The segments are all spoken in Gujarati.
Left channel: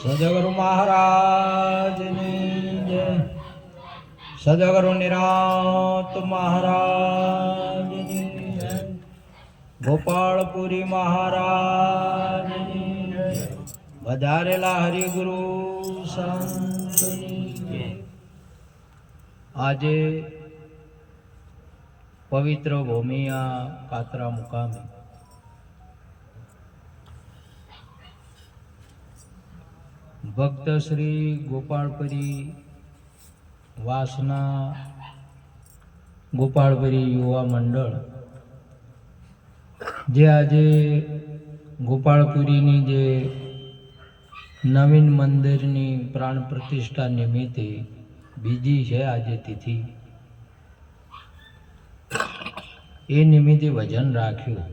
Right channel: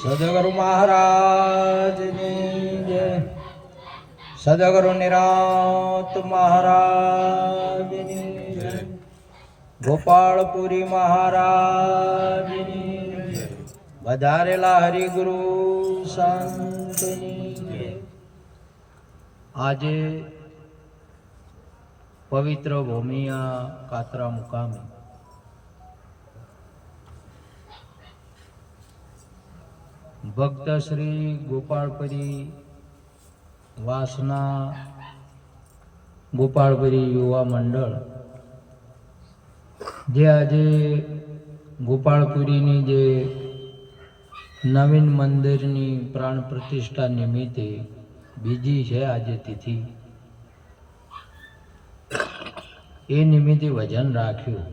સદગુરુ મહારાજ જય, સદગુરુ નિરાંત મહારાજ જય, ગોપાળપુરી મહારાજ જય, વધારેલા હરિગુરુ સંતની જય. આજે પવિત્ર ભૂમિયા કાતરા મુકામે ભક્ત શ્રી ગોપાળપુરી વાસના ગોપાળપુરી યુવા મંડળ જે આજે ગોપાળપુરીની જે નવીન મંદિરની પ્રાણ પ્રતિષ્ઠા નિમિત્તે બીજી છે આજે તિથિ, એ નિમિત્તે ભજન રાખ્યું.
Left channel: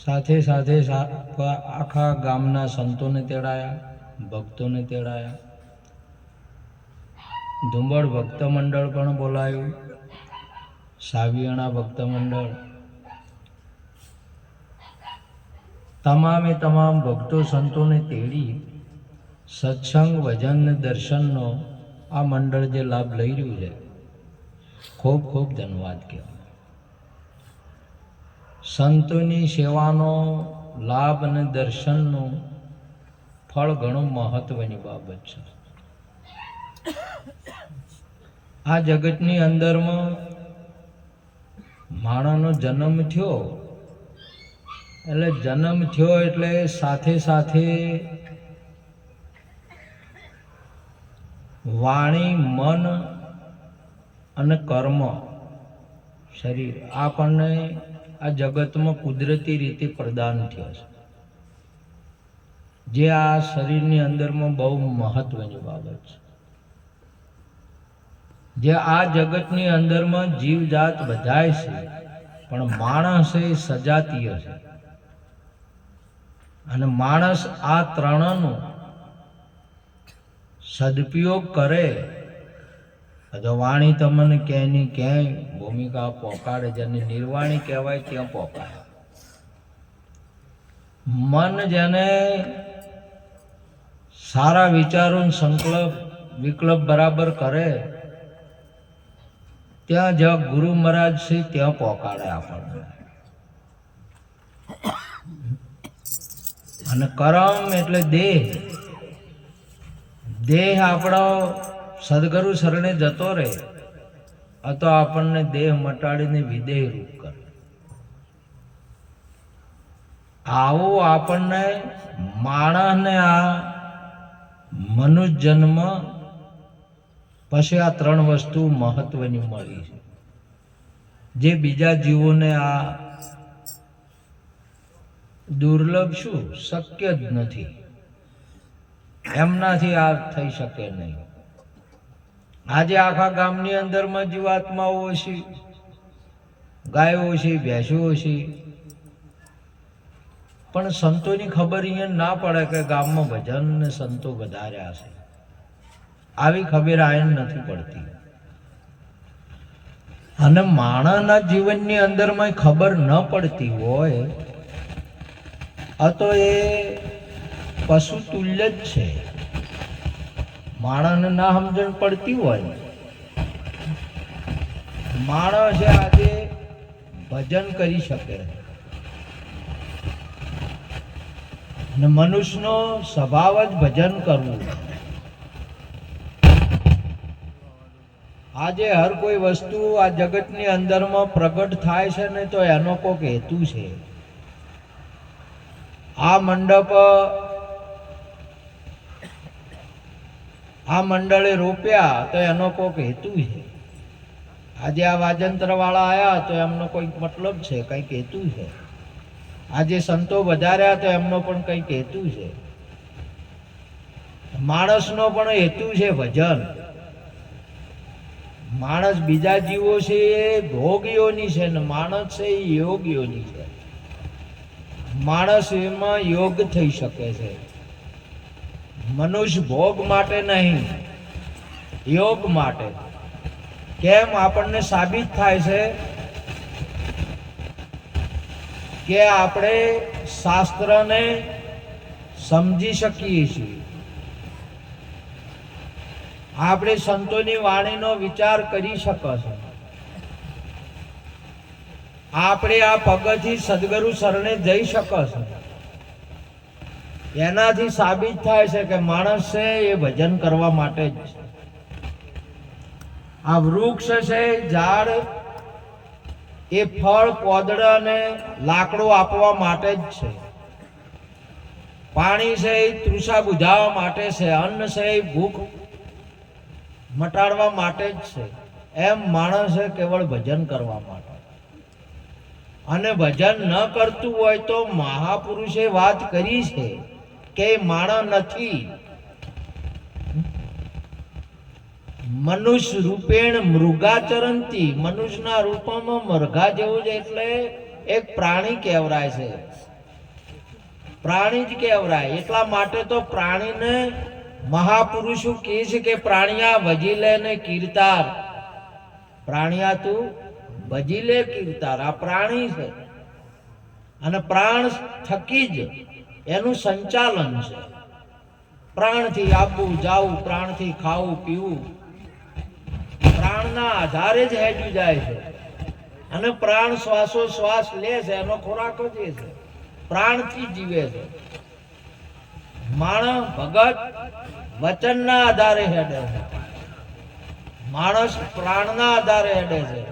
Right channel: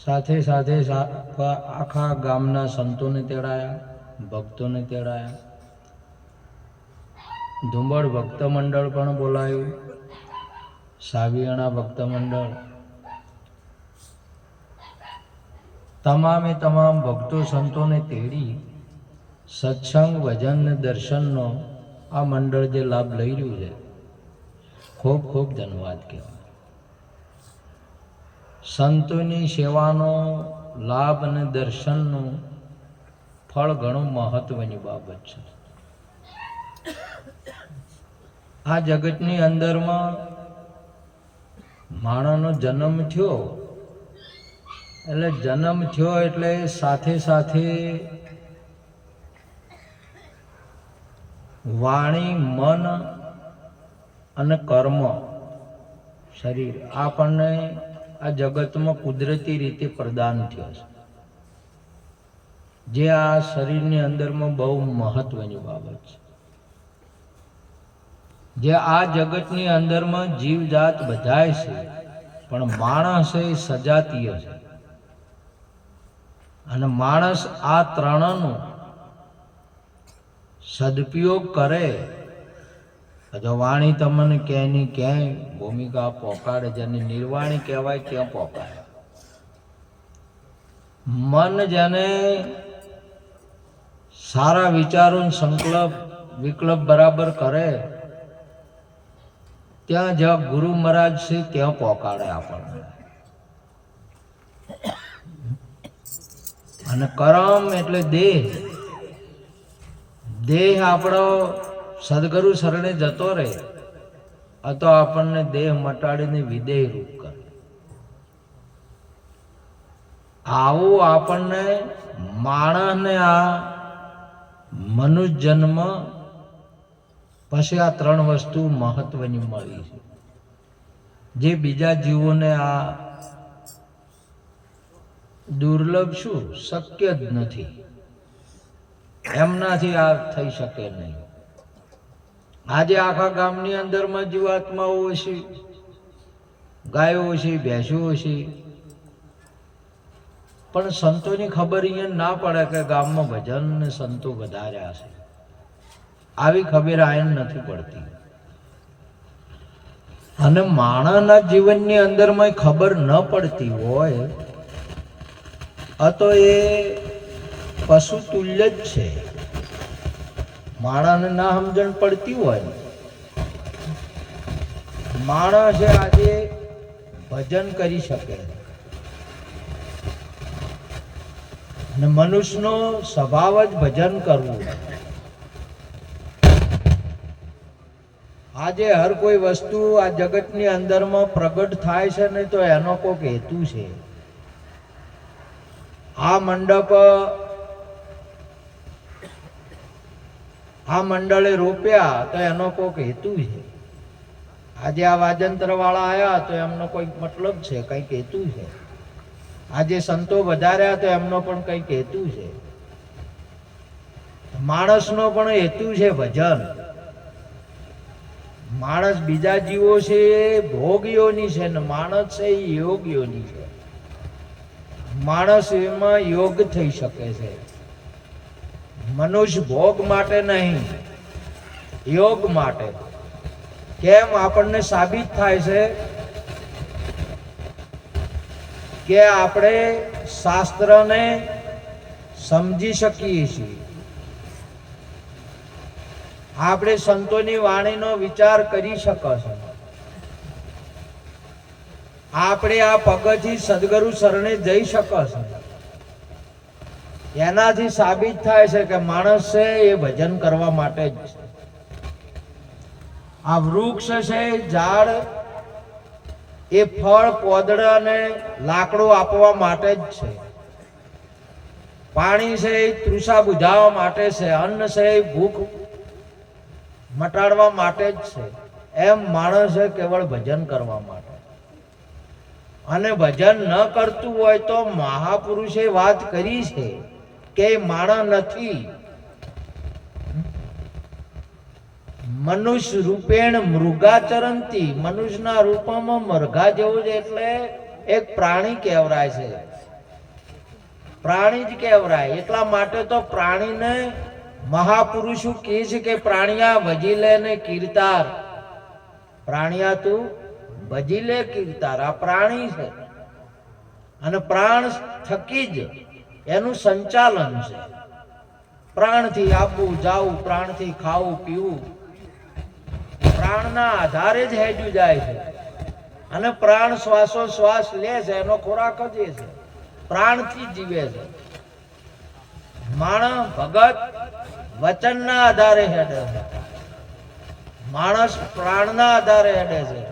સાથે સાથે આખા ગામના સંતોને તેડાયા, ભક્તોને તેડાયા. ધુંબળ ભક્ત મંડળ પણ બોલાયું, સાવિયાણા ભક્ત મંડળ, તમામે તમામ ભક્તો સંતોને તેડી સત્સંગ ભજન દર્શનનો આ મંડળ જે લાભ લઈ રહ્યું છે, ખૂબ ખૂબ ધન્યવાદ કહેવાય. સંતોની સેવાનો લાભ અને દર્શનનું ફળ ઘણું મહત્વની બાબત છે. આ જગતની અંદરમાં માણસનો જન્મ થયો એટલે સાથે સાથે વાણી, મન અને કર્મ, શરીર આપણને આ જગતમાં કુદરતી રીતે પ્રદાન થયો છે, જે આ શરીરની અંદરમાં બહુ મહત્વની બાબત છે. જે આ જગતની અંદરમાં જીવજાત બધાય છે, પણ માણસ એ સજાતીય છે. અને માણસ આ ત્રણનો સદુપયોગ કરે તો વાણી તમને ક્યાંયની ક્યાંય ભૂમિકા પોકાડે, જેને નિર્વાણી કહેવાય ત્યાં પોકાડે. મન જેને સારા વિચારો સંકલ્પ વિકલ્પ બરાબર કરે ત્યાં જ્યાં ગુરુ મહારાજ છે ત્યાં પહોંચાડે આપણને. અને કરમ એટલે દેહ આપણો સદગુરુ શરણે જતો રહે તો આપણને દેહ મટાડીને વિદેહ રૂપ કરે. આવું આપણને માણસને આ મનુષ્ય જન્મ પછી આ ત્રણ વસ્તુ મહત્વની મળી છે, જે બીજા જીવોને આ દુર્લભ શું શક્ય જ નથી, એમનાથી આ થઈ શકે નહીં. આજે આખા ગામની અંદરમાં જીવાત્માઓ છે, ગાયો છે, ભેંસો છે, પણ સંતોની ખબર અહીંયા ના પડે કે ગામમાં ભજન ને સંતો વધાર્યા છે. આવી ખબર આયન નથી પડતી. અને માણસના જીવનની અંદરમાં ખબર ન પડતી હોય તો એ પશુ તુલ્ય જ છે. માણસને ના સમજણ પડતી હોય, માણસ આજે ભજન કરી શકે. અને મનુષ્યનો સ્વભાવ જ ભજન કરવું. આજે હર કોઈ વસ્તુ આ જગતની અંદરમાં પ્રગટ થાય છે ને તો એનો કોઈક હેતુ છે. આ મંડપ આ મંડળે રોપ્યા તો એનો કોઈક હેતુ છે. આજે આ વાજંત્ર વાળા આવ્યા તો એમનો કોઈક મતલબ છે, કંઈક હેતુ છે. આજે સંતો વધાર્યા તો એમનો પણ કંઈક હેતુ છે. માણસનો પણ હેતુ છે ભજન. માણસ બીજા જીવો છે ભોગીઓની છે ને માણસ છે એ યોગીઓની છે. માણસ એમાં યોગ થઈ શકે છે. મનુષ્ય ભોગ માટે નહીં, યોગ માટે. કેમ આપણને સાબિત થાય છે કે આપણે શાસ્ત્રને સમજી શકીએ છીએ, આપણે સંતોની વાણીનો વિચાર કરી શકો છો, આપણે આ પગથી સદગુરુ શરણે જઈ શકો છો. એનાથી સાબિત થાય છે કે માણસ છે એ ભજન કરવા માટે જ છે. આ વૃક્ષ છે, ઝાડ, એ ફળ, પોદડા અને લાકડું આપવા માટે જ છે. પાણી છે એ તૃષા બુઝાવવા માટે છે. અન્ન છે એ ભૂખ મટાડવા માટે જ છે. એમ માણસ છે કેવળ ભજન કરવા માટે. અને ભજન ન કરતું હોય તો મહાપુરુષે વાત કરી છે કે માણસ નથી. મનુષ્ય રૂપેણ મૃગાચરંતી, મનુષ્યના રૂપમાં મરઘા જેવું જ, એટલે એક પ્રાણી કહેવરાય છે. પ્રાણી જ કહેવરાય. એટલા માટે તો પ્રાણીને મહાપુરુષો કહે છે કે પ્રાણિયા ભજી લે ને કીર્તાર. પ્રાણિયા તું ભજી લે કીર્તાર. આ પ્રાણી છે અને પ્રાણ થકી જ એનું સંચાલન છે. પ્રાણથી આવવું જાવું, પ્રાણથી ખાવું પીવું, પ્રાણના આધારે જ હેડ્યું જાય છે. અને પ્રાણ શ્વાસોશ્વાસ લે છે, એનો ખોરાક જ એ છે. પ્રાણથી જીવે છે. માણસ ભગત વચનના આધારે હેડે છે, માણસ પ્રાણના આધારે હેડે છે.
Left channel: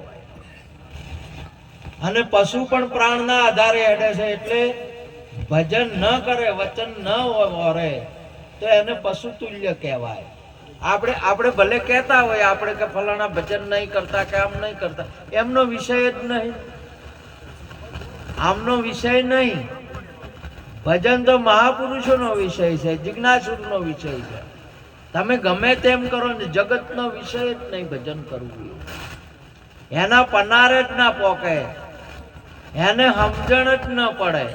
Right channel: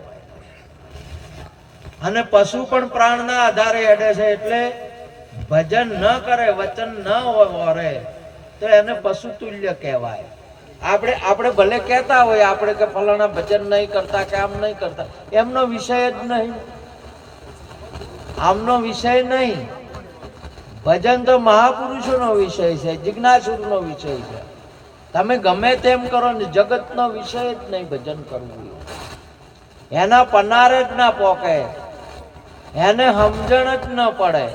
અને પશુ પણ પ્રાણના આધારે હેડે છે. એટલે ભજન ન કરે, વચન ન વરે તો એને પશુ તુલ્ય કહેવાય. આપણે ભલે કહેતા હોય આપણે કે ફલાણા ભજન નહીં કરતા કે આમ નહીં કરતા, એમનો વિષય જ નહીં. આમનો વિષય નહીં. ભજન તો મહાપુરુષોનો વિષય છે, જિજ્ઞાસુરનો વિષય છે. તમે ગમે તેમ કરો ને, જગતનો વિષય જ નહીં ભજન કરવું. એના પનારે જ ના પોકે, એને સમજણ જ ન પડે.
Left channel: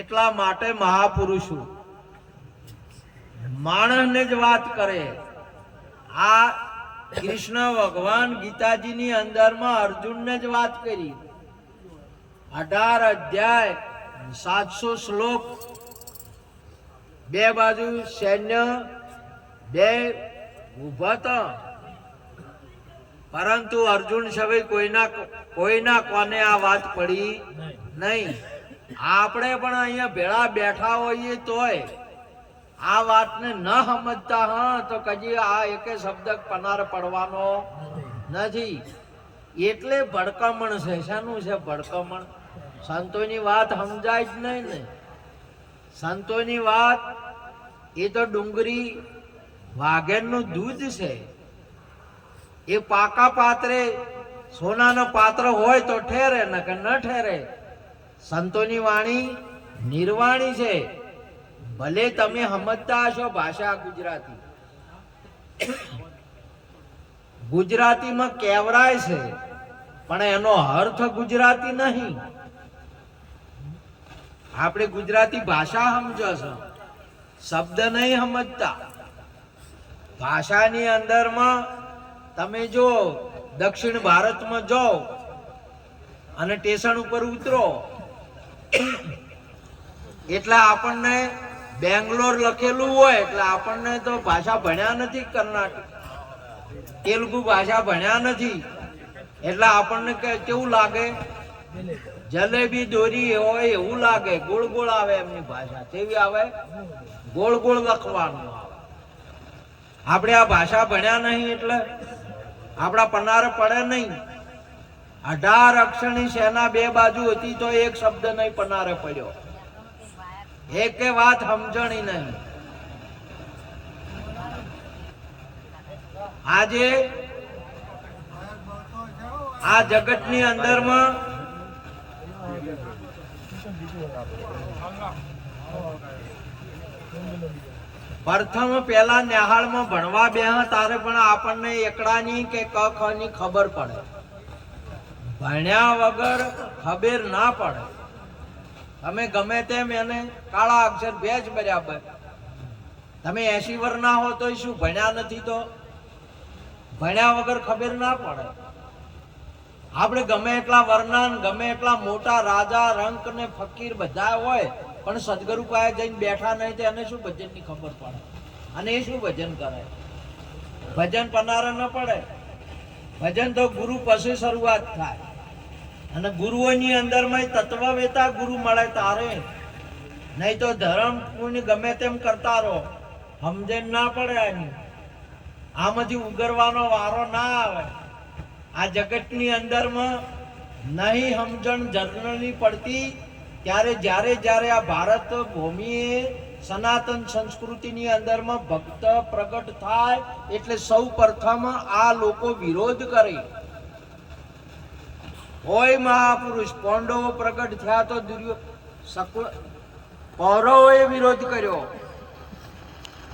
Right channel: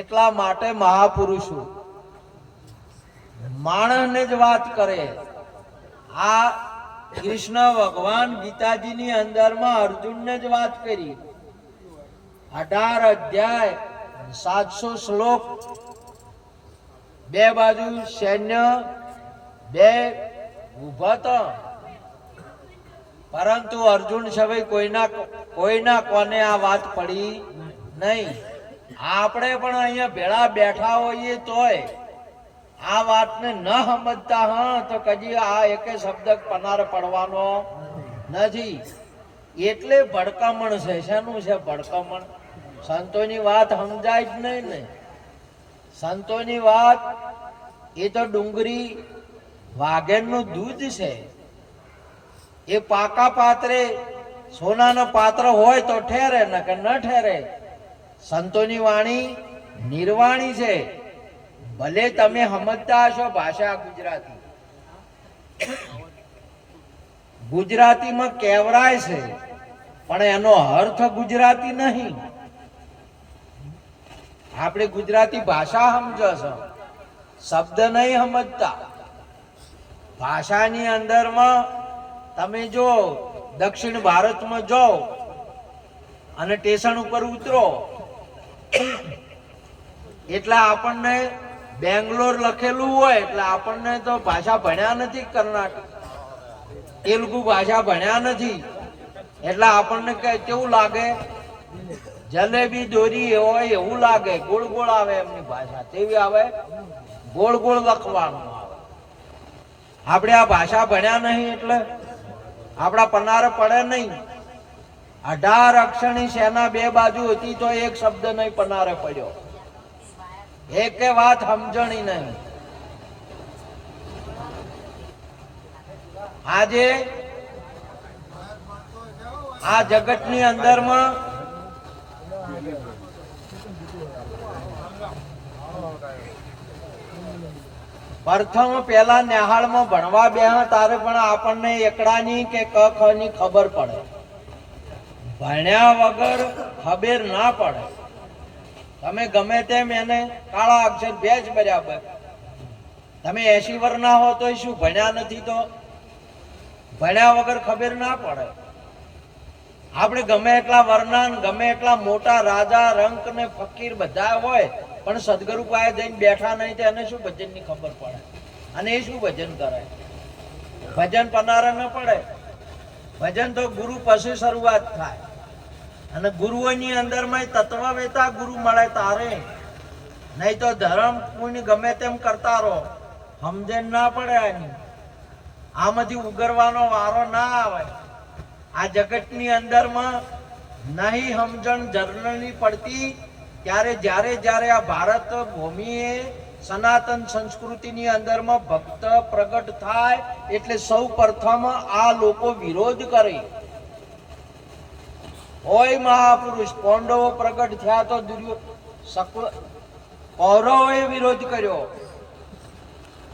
એટલા માટે મહાપુરુષો માણસને જ વાત કરે. આ કૃષ્ણ ભગવાન ગીતાજીની અંદરમાં અર્જુનને જ વાત કરી. 18 અધ્યાય 700 શ્લોક, 2 બાજુ સૈન્ય 2 ઉભા હતા. પરંતુ અર્જુન સભે કોઈના કોને આ વાત પડી નહીં. આપણે પણ અહીંયા ભેળા બેઠા હોઈએ તોય આ વાતને ન સમજતા હા તો કદી આ એકે શબ્દ પનાર પડવાનો નથી. એટલે ભડકામણ છે. શાનું છે ભડકામણ? સંતોની વાત સમજાય જ નહીં ને. સંતોની વાત એ તો ડુંગળી વાઘેરનું દૂધ છે. એ પાકા પાત્રે સોનાનો પાત્ર હોય તો ઠેરે, ન કે ન ઠેરે. સંતોની વાણી નિર્વાણી છે. ભલે તમે સમજતા હશો ભાષા ગુજરાતી, ગુજરાતીમાં કહેવરાય છે, પણ એનો અર્થ ગુજરાતી નહીં. આપણે ગુજરાતી ભાષા સમજો છો, શબ્દ નહીં સમજતા. ભાષાની અંદરમાં તમે જો દક્ષિણ ભારતમાં જાઓ અને સ્ટેશન ઉપર ઉતરો એટલે આપણને બેંગ્લોર લખેલું હોય એટલે આપણને તો ભાષા ભણ્યા નથી, કર્ણાટક તેલુગુ ભાષા ભણ્યા નથી, એટલે આપણને કેવું લાગે? જલેબી દોરી હોય એવું લાગે. ગોળ ગોળ આવે એમની ભાષા. કેવી આવે? ગોળ ગોળ લખવાનું આવે. આપણે આ ભાષા ભણ્યા નહીં એટલે આપણા પનાર પડે નહીં. 18 અક્ષરની સેના 2 બાજુ હતી તો એક શબ્દ નહીં પનારે પડ્યો. એકે વાત સમજણી નહીં. આજે આ જગતની અંદરમાં પ્રથમ પેલા નેહાળમાં ભણવા બેહ તારે પણ આપણને એકડાની કે ક ખ ની ખબર પડે. ભણ્યા વગર ખબર ના પડે. તમે ગમે તેમ એને કાળા અક્ષર ભેજ બરાબર, તમે 80 વર્ષના હો તો શું ભણ્યા નથી તો ભણ્યા વગર ખબર ના પડે. આપણે ગમે એટલા વર્ણન, ગમે એટલા મોટા રાજા રંક ને ફકીર બધા હોય, પણ સદગુરુ પાસે જઈને બેઠા નહીં તો એને શું ભજનની ખબર પડે? અને એ શું ભજન કરે? ભજન પનારે ન પડે. ભજન તો ગુરુ પછી શરૂઆત થાય. અને ગુરુઓની અંદરમાં તત્વવેતા ગુરુ મળે તારે, નહીં તો ધર્મ પુણ્ય ગમે તેમ કરતા રહો, સમજણ ના પડે. આમાંથી ઉગરવાનો વારો ના આવે. આ જગતની અંદરમાં નહીં સમજણ જનરલી પડતી ત્યારે જ્યારે આ ભારત ભૂમિએ સનાતન સંસ્કૃતિની અંદરમાં ભક્ત પ્રગટ થાય એટલે સૌ પ્રથમ આ લોકો વિરોધ કરે. હોય મહાપુરુષ પાંડવો પ્રગટ થયા તો કૌરવોએ વિરોધ કર્યો.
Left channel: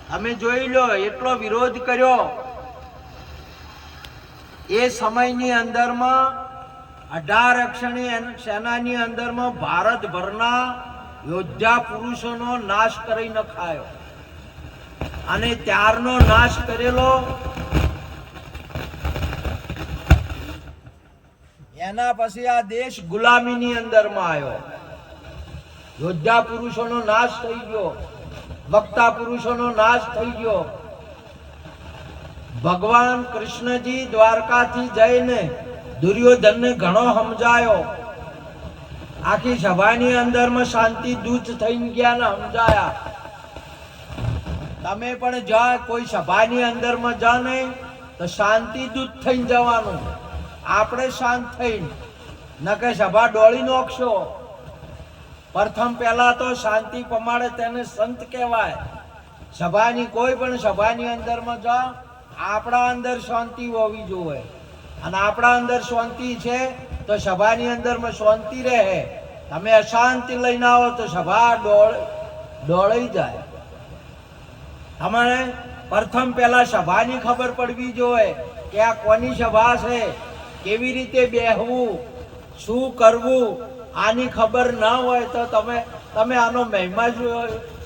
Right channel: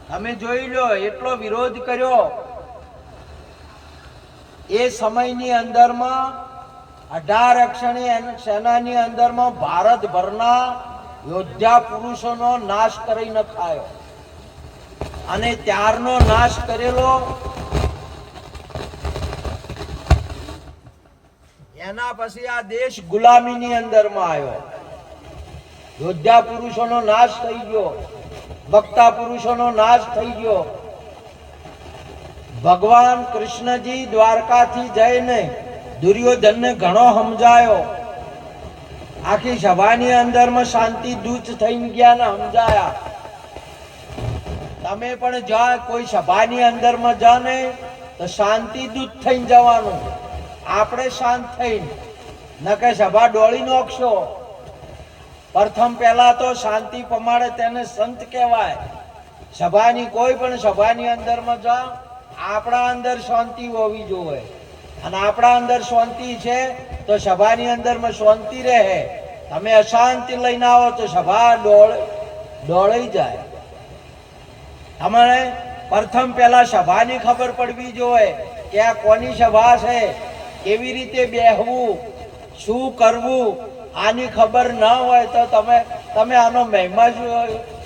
તમે જોઈ લો એટલો વિરોધ કર્યો. એ સમયની અંદરમાં 18 અક્ષરની સેનાની અંદરમાં ભારતભરના યોદ્ધા પુરુષોનો નાશ કરી નખાયો. અને ત્યારનો નાશ કરેલો એના પછી આ દેશ ગુલામીની અંદરમાં આવ્યો. યોદ્ધા પુરુષોનો નાશ થઈ ગયો, વક્તા પુરુષોનો નાશ થઈ ગયો. ભગવાન કૃષ્ણજી દ્વારકાથી જઈને દુર્યોધનને ઘણો સમજાયો. આખી સભાની અંદરમાં શાંતિ દૂત થઈને ગયા ને સમજાયા. તમે પણ જા કોઈ સભાની અંદરમાં જા ને તો શાંતિ દૂત થઈને જવાનું. આપણે શાંત થઈને ન કે સભા ડોળી નોખશો. પ્રથમ પહેલા તો શાંતિ પ્રમાણે તેને સંત કહેવાય. સભાની કોઈ પણ સભાની અંદરમાં જા, આપણા અંદર શાંતિ હોવી જોઈએ. અને આપણા અંદર શાંતિ છે તો સભાની અંદરમાં શાંતિ રહે. તમે અશાંતિ લઈને આવો તો સભા ડોળાઈ જાય. તમારે પ્રથમ પહેલા સભાની ખબર પડવી જોઈએ કે આ કોની સભા છે, કેવી રીતે બેહવું, શું કરવું. આની ખબર ના હોય તો તમે આનો મહિમા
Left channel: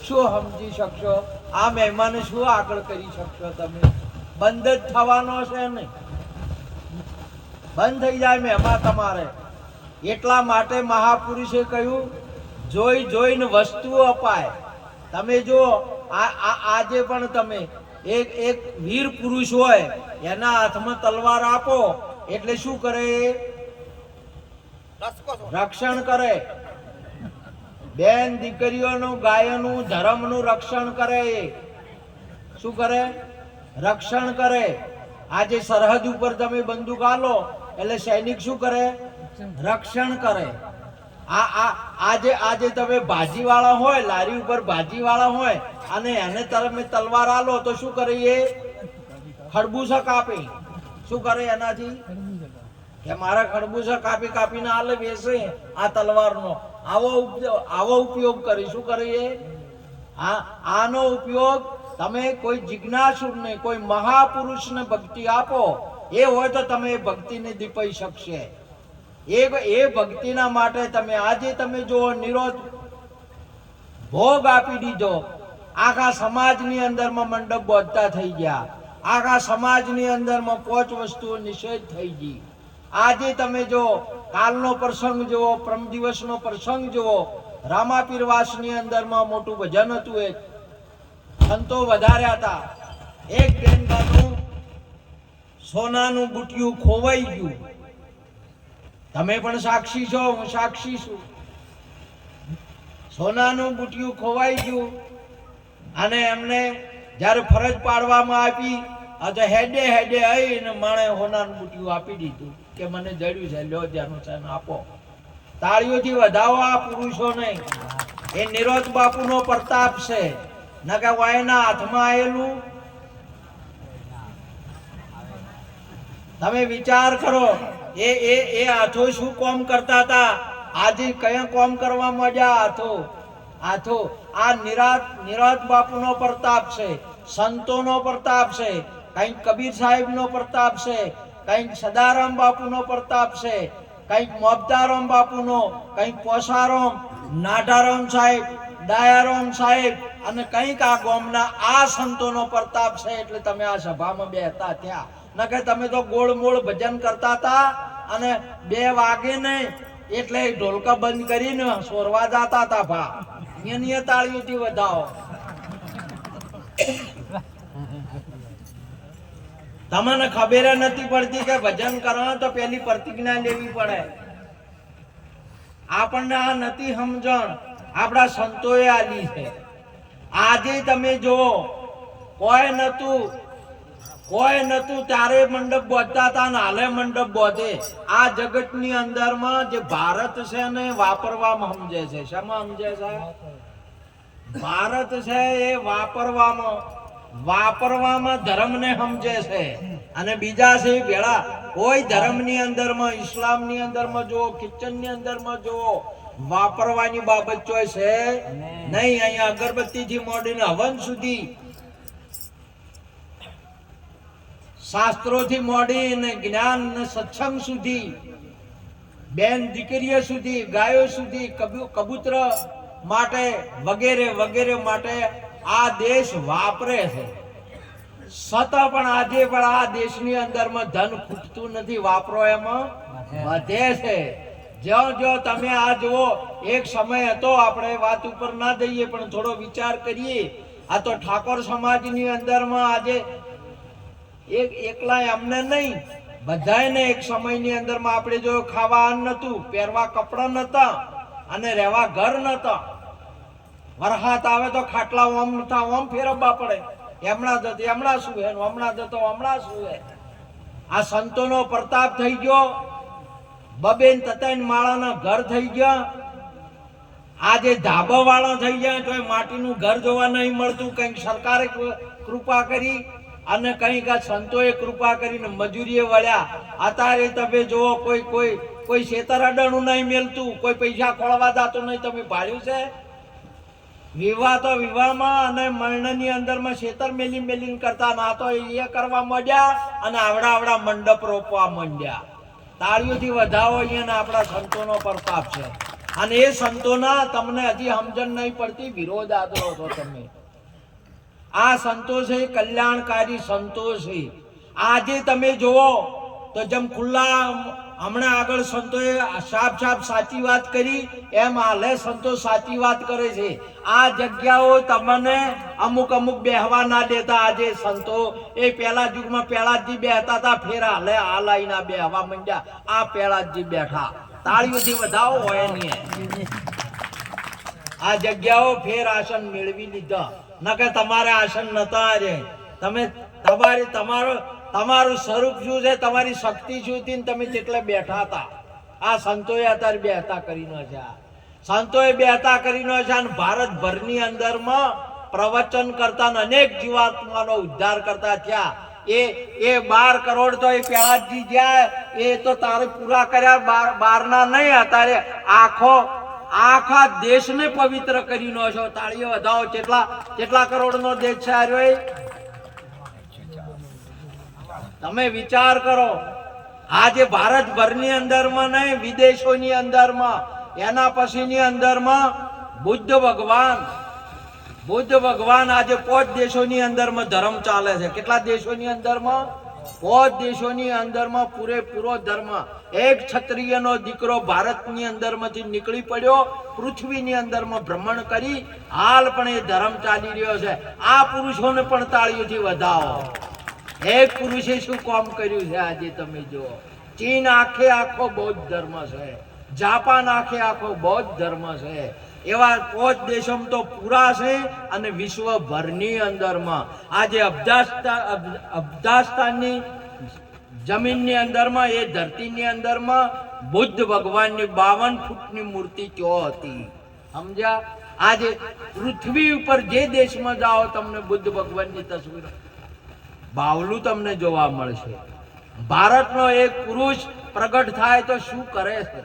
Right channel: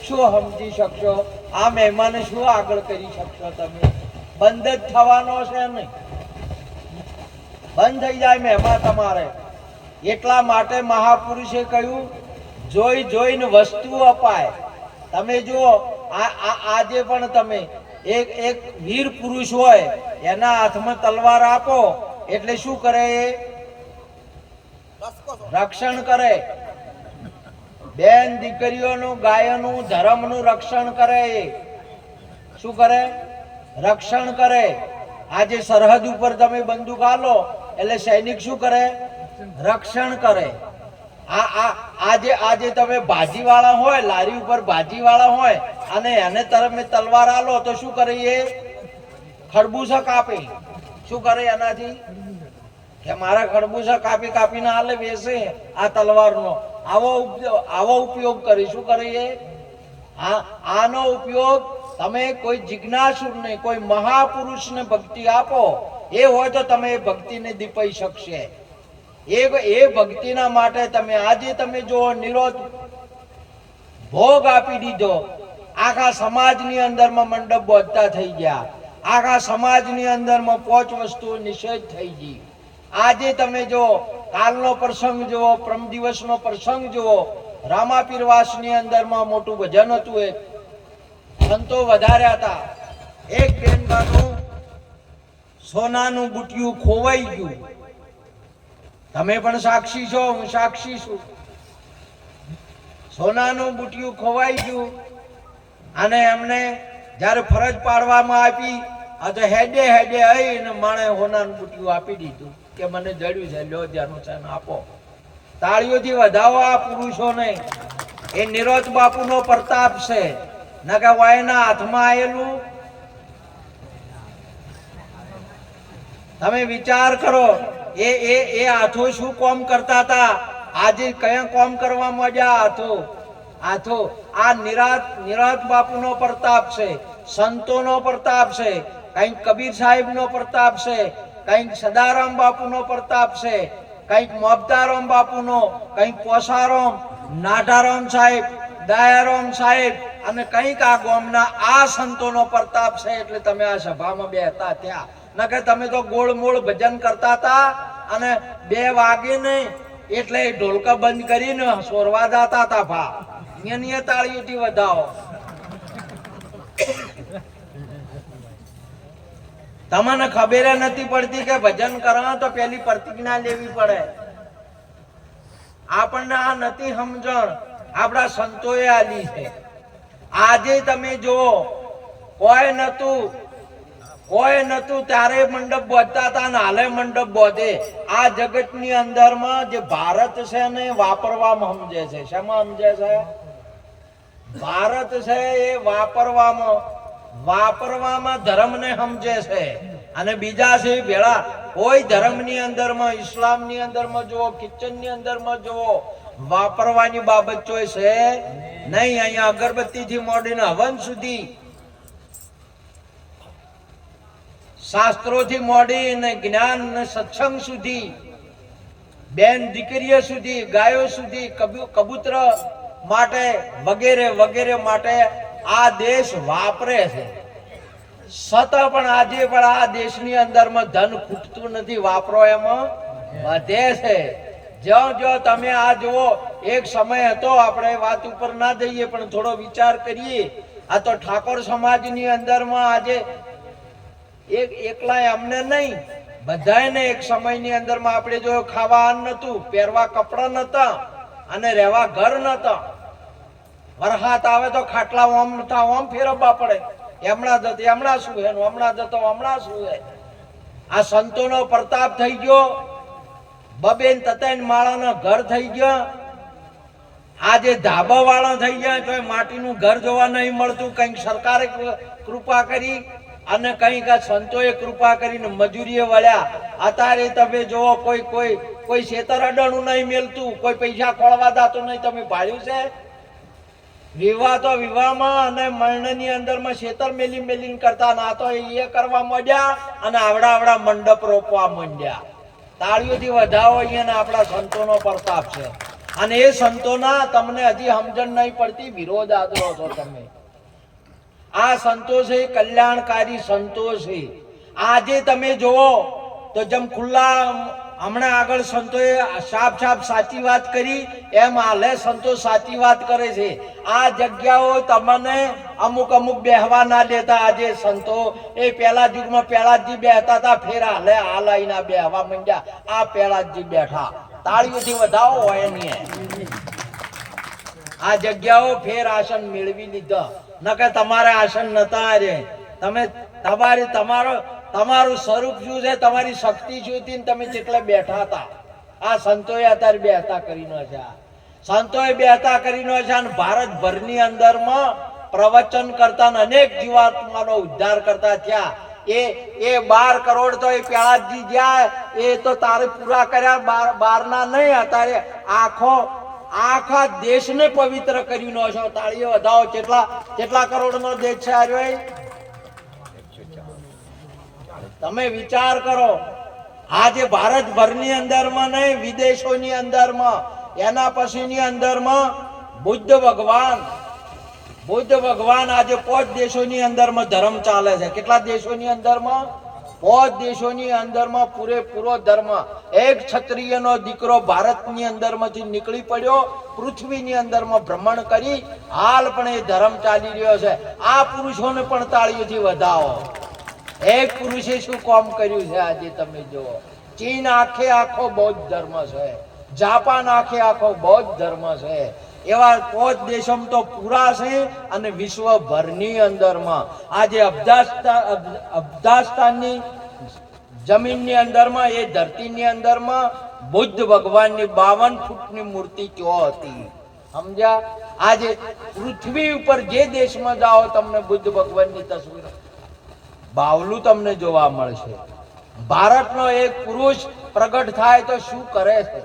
શું સમજી શકશો? આ મહિમાને શું આગળ કરી શકશો? તમે બંધ જ થવાનો છે નહીં, બંધ થઈ જાય મહેમા તમારે. એટલા માટે મહાપુરુષે કહ્યું જોઈ જોઈને વસ્તુ અપાય. તમે જો આજે પણ તમે એક વીર પુરુષ હોય એના હાથમાં તલવાર આપો એટલે શું કરે? રક્ષણ કરે. બેન દીકરીઓનું, ગાયોનું, ધર્મનું રક્ષણ કરે. શું કરે? રક્ષણ કરે. આજે સરહદ ઉપર તમે બંદૂક આલો એટલે સૈનિક શું કરે? રક્ષણ કરે. આજે તમે ભાજીવાળા હોય, લારી ઉપર ભાજીવાળા હોય અને એને તમે તલવાર આલો તો શું કરે? એ ખરબૂચા કાપે. શું કરે એનાથી? કે મારા ખરબૂચા કાપીને આલે બેસે આ તલવારનો. આવો ઉપયોગ કરી. શું કરે? આનો ઉપયોગ તમે કોઈ જિજ્ઞાસુરને, કોઈ મહાપુરુષને ભક્તિ આપો, એ હોય તો તમે એ ભક્તિને દીપાઈ શકશે. એ ભક્તિના માટે તમે આજે તમે જો નિરોધ ભોગ આપી દીધો. આખા સમાજની અંદરમાં મંડપ બોધતા થઈ ગયા. આખા સમાજની અંદરમાં 5 વસ્તુઓ નિષેધ થઈ ગઈ. આજે તમે જો કાલનો પ્રસંગ જુઓ, પરમ દિવસનો પ્રસંગ જુઓ. રામાપીરવાસની અંદરમાં મોટું ભજન હતું. એક સંતો વધાર્યા હતા. એક બેનબાનું સોનાનું બુટિયું ખોવાઈ ગયું. તમે પણ સાક્ષી છો, હું સાક્ષી છું. સોનાનું બુટિયું ખોવાઈ ગયું અને એમને જ્યારે ફરજ પાડવામાં આવી તો હેડે આવીને માણે સોનાનું બુટિયું આપી દીધું કે મને જડ્યું છે, લ્યો જ્યાંનું છે આપો. તાળીઓથી વધાવો આ પુરુષોને. એ નિરોધ બાપુનો પ્રતાપ છે. ન કે વાયના હાથમાં આવેલું. તમે વિચાર કરો એ હાથો શું કામ કરતા હતા, આજે કયા કામ કરવા માંડ્યા હાથો? આ તો આ નિરાત બાપુનો પ્રતાપ છે, સંતોનો પ્રતાપ છે, કંઈક કબીર સાહેબનો પ્રતાપ છે, કંઈક સદારામ બાપુનો પ્રતાપ છે, કંઈક મોબતારામ બાપુનો, કંઈક પોસારામ, નાઢારામ સાહેબ, દયારામ સાહેબ અને કંઈક આ ગામના આ સંતોનો પ્રતાપ છે. એટલે તમે આ સભામાં બેહતા થયા. નકર તમે તો ગોળ મોળ ભજન કરતા હતા અને 2 વાગીને એટલે ઢોલકા બંધ કરીને સોરવા જતા હતા. ભા નિય તાળીઓથી વધાવો. તમને ખબર નથી પડતી કે ભજન કરવા તો પેલી પ્રતિજ્ઞા લેવી પડે. આપણને આ નથી સમજણ, આપણા સંતોએ આલી છે. આજે તમે જુઓ, કોઈ નતું ત્યારે મંડપ બોધતા હતા ને હાલે મંડપ બોધે. આ જગતની અંદરમાં જે ભારત છે ને વાપરવામાં સમજે છે. શેમાં સમજે છે? ભારત છે એ વાપરવામાં ધર્મને સમજે છે અને બીજા છે ભેળા. કોઈ ધર્મની અંદરમાં, ઇસ્લામની અંદરમાં જુઓ, કિચનની અંદરમાં જુઓ, વાપરવાની બાબત જોઈ છે નહીં. અહીંયા અગરબત્તીથી મોડીને હવન સુધી, શાસ્ત્રોથી મોડીને જ્ઞાન ને સત્સંગ સુધી, બેન દીકરીઓ સુધી, ગાયો સુધી, કબૂતર માટે વગેરે વગેરે માટે આ દેશ વાપરે છે. છતાં પણ આજે પણ આ દેશની અંદરમાં ધન ખૂટતું નથી, વાપરો એમાં વધે છે. જો તમે આ જુઓ, એક સમય હતો, આપણે વાત ઉપર ના જઈએ પણ થોડો વિચાર કરીએ. આ તો ઠાકોર સમાજની અંદરમાં આજે એકલા એમને નહીં, બધાને એક સમયની અંદરમાં આપણે જો ખાવા અન્ન નતું, પહેરવા કપડા નતા અને રહેવા ઘર નતા. વરસાદ આવે તો ખાટલા ઓમ નતા ઓમ ફેરવવા પડે. હમણાં જતો હમણાં શું હે, હમણાં જતો હમણાં શું હે. આ સંતોનો પ્રતાપ થઈ ગયો. 2-3 માળાના ઘર થઈ ગયા. આજે ધાબા વાળા થઈ ગયા તો માટીનું ઘર જોવા નહીં મળતું. કંઈક સરકારે કૃપા કરી અને કંઈક આ સંતોએ કૃપા કરીને મજૂરીએ વળ્યા. અત્યારે તમે જુઓ, કોઈ શેતર અડાણું નહીં મેલતું, કોઈ પૈસા ખોળવા જાતું નહીં. તમે ભાડ્યું છે? વિવાહ તો વિવાહમાં અને મરણની અંદરમાં શેતર મેલીને કરતા. ના તો એ કરવા માંડ્યા અને આવડા મંડપ રોપવા માંડ્યા. તાળીઓથી વધાવો. અહીંયા આપણા સંતોનો પ્રતાપ છે અને એ સંતોના તમને હજી સમજણ નહીં પડતી, વિરોધ આદરો છો તમે. આ સંતો છે કલ્યાણકારી સંતો છે. આજે તમે જુઓ તો જેમ ખુલ્લા હમણાં આગળ સંતોએ સાફ સાચી વાત કરી, એમ હાલે સંતો સાચી વાત કરે છે. આ જગ્યાઓ તમને અમુક બેહવા ના દેતા. આજે સંતો એ પેલા યુગમાં પેલાજી બેહતા હતા, ફેર હાલે આલાઈના બેહવા માંડ્યા. આ પેલાજી બેઠા. તાળીઓથી વધાવો હોય નહીં. આ જગ્યાઓ ફેર આસન મેળવી લીધા. નકર તમારે આસન નતા રે. તમે તમારું સ્વરૂપ શું છે, તમારી શક્તિ શું હતી, તમે જેટલા બેઠા હતા. આ સંતોએ અત્યારે બેહતા કરીને છે. સંતોએ બેહતા કરીને છે અને ભારતભરની અંદરમાં પ્રવચન કરતા અનેક જીવાત્માનો ઉદ્ધાર કરતા થયા. એ 12 કરોડ તો એ પ્યાજી જ્યાં એ તો તારે પૂરા કર્યા. 12 નહીં, અત્યારે આખા દેશને પવિત્ર કરીને છો. તાળીઓ વધાવો. કેટલા કરોડનો દેશ છે આ? તમે વિચાર કરો. આજે ભારતભરની અંદરમાં નહીં, વિદેશોની અંદરમાં, એના પછીની અંદરમાં બુદ્ધ ભગવાન આજે 5 દેશોની અંદરમાં ધર્મ ચાલે છે. કેટલા દેશોની અંદરમાં? 5 દેશોની અંદરમાં પૂરેપૂરો ધર્મ. એક ક્ષત્રિયનો દીકરો ભારતની અંદરમાંથી નીકળી પડ્યો, પૃથ્વીની અંદરમાં ભ્રમણ કરી હાલ પણ એ ધર્મ ચાલી રહ્યો છે. આ પુરુષોને પણ તાળીઓથી વધાવો. એક પુરુષે શું કામ કર્યું છે આજે તમે જુઓ. ચીન આખો બૌદ્ધ ધર્મ છે, જાપાન આખો બૌદ્ધ ધર્મ છે. એવા 5 દેશોમાં તો પૂરા છે અને વિશ્વભરની અંદરમાં આજે અફઘાનિસ્તાનની જમીનની અંદરમાં, એ ધરતીની અંદરમાં બુદ્ધ ભગવાનની 52 ફૂટની મૂર્તિ ક્યાં હતી, સમજ્યા? આજે પૃથ્વી ઉપર જે દેશમાં જાઓ તમને બુદ્ધ ભગવાનની તસવીર બાવલું તમને જોવા મળશે. ભારતનો એક પુરુષ પ્રગટ થાય તો શું કરે છે?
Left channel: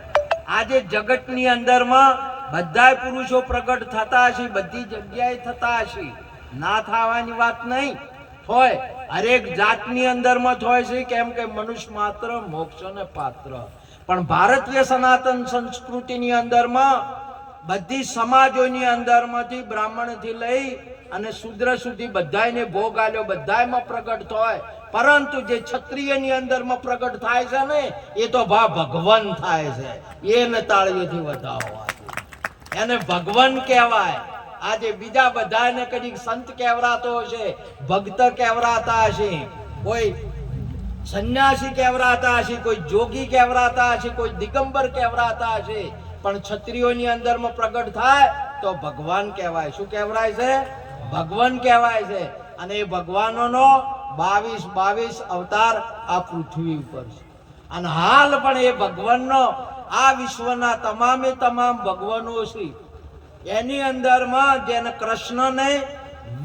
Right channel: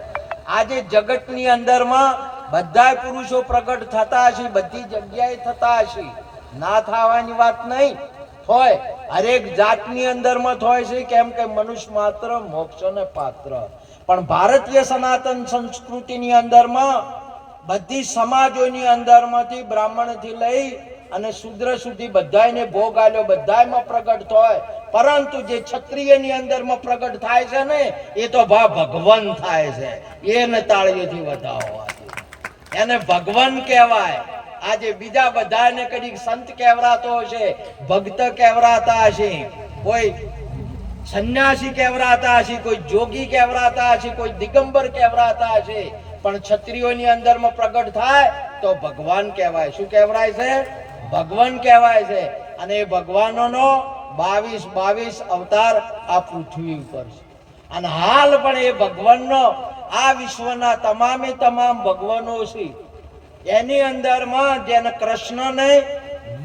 આજે જગતની અંદરમાં બધાય પુરુષો પ્રગટ થતા હશે, બધી જગ્યાએ થતા હશે, ના થવાની વાત નહીં. હોય હરેક જાતની અંદરમાં હોય છે, કેમ કે મનુષ્ય માત્ર મોક્ષને પાત્ર. પણ ભારતીય સનાતન સંસ્કૃતિની અંદરમાં બધી સમાજોની અંદરમાંથી બ્રાહ્મણથી લઈ અને શૂદ્ર સુધી બધાયને ભોગ આલ્યો, બધાયમાં પ્રગટ થાય. પરંતુ જે ક્ષત્રિયની અંદરમાં પ્રગટ થાય છે ને, એ તો ભગવાન થાય છે. એને તાળીઓથી વધાવવાથી એને ભગવાન કહેવાય. આજે બીજા બધાને કદી સંત કહેવરાતો હશે, ભક્ત કહેવરાતા હશે, કોઈ સંન્યાસી કહેવરાતા હશે, કોઈ જોગી કહેવરાતા હશે, કોઈ દિગંબર કહેવરાતા હશે, પણ ક્ષત્રિયોની અંદરમાં પ્રગટ થાય તો ભગવાન કહેવાય. શું કહેવાય છે? ભગવાન કહેવાય છે. અને એ ભગવાનોનો 22 અવતાર આ પૃથ્વી ઉપર છે. અને હાલ પણ એ ભગવાનનો આ વિશ્વના તમામે તમામ ભગવાનો છે, એની અંદરમાં જેને કૃષ્ણને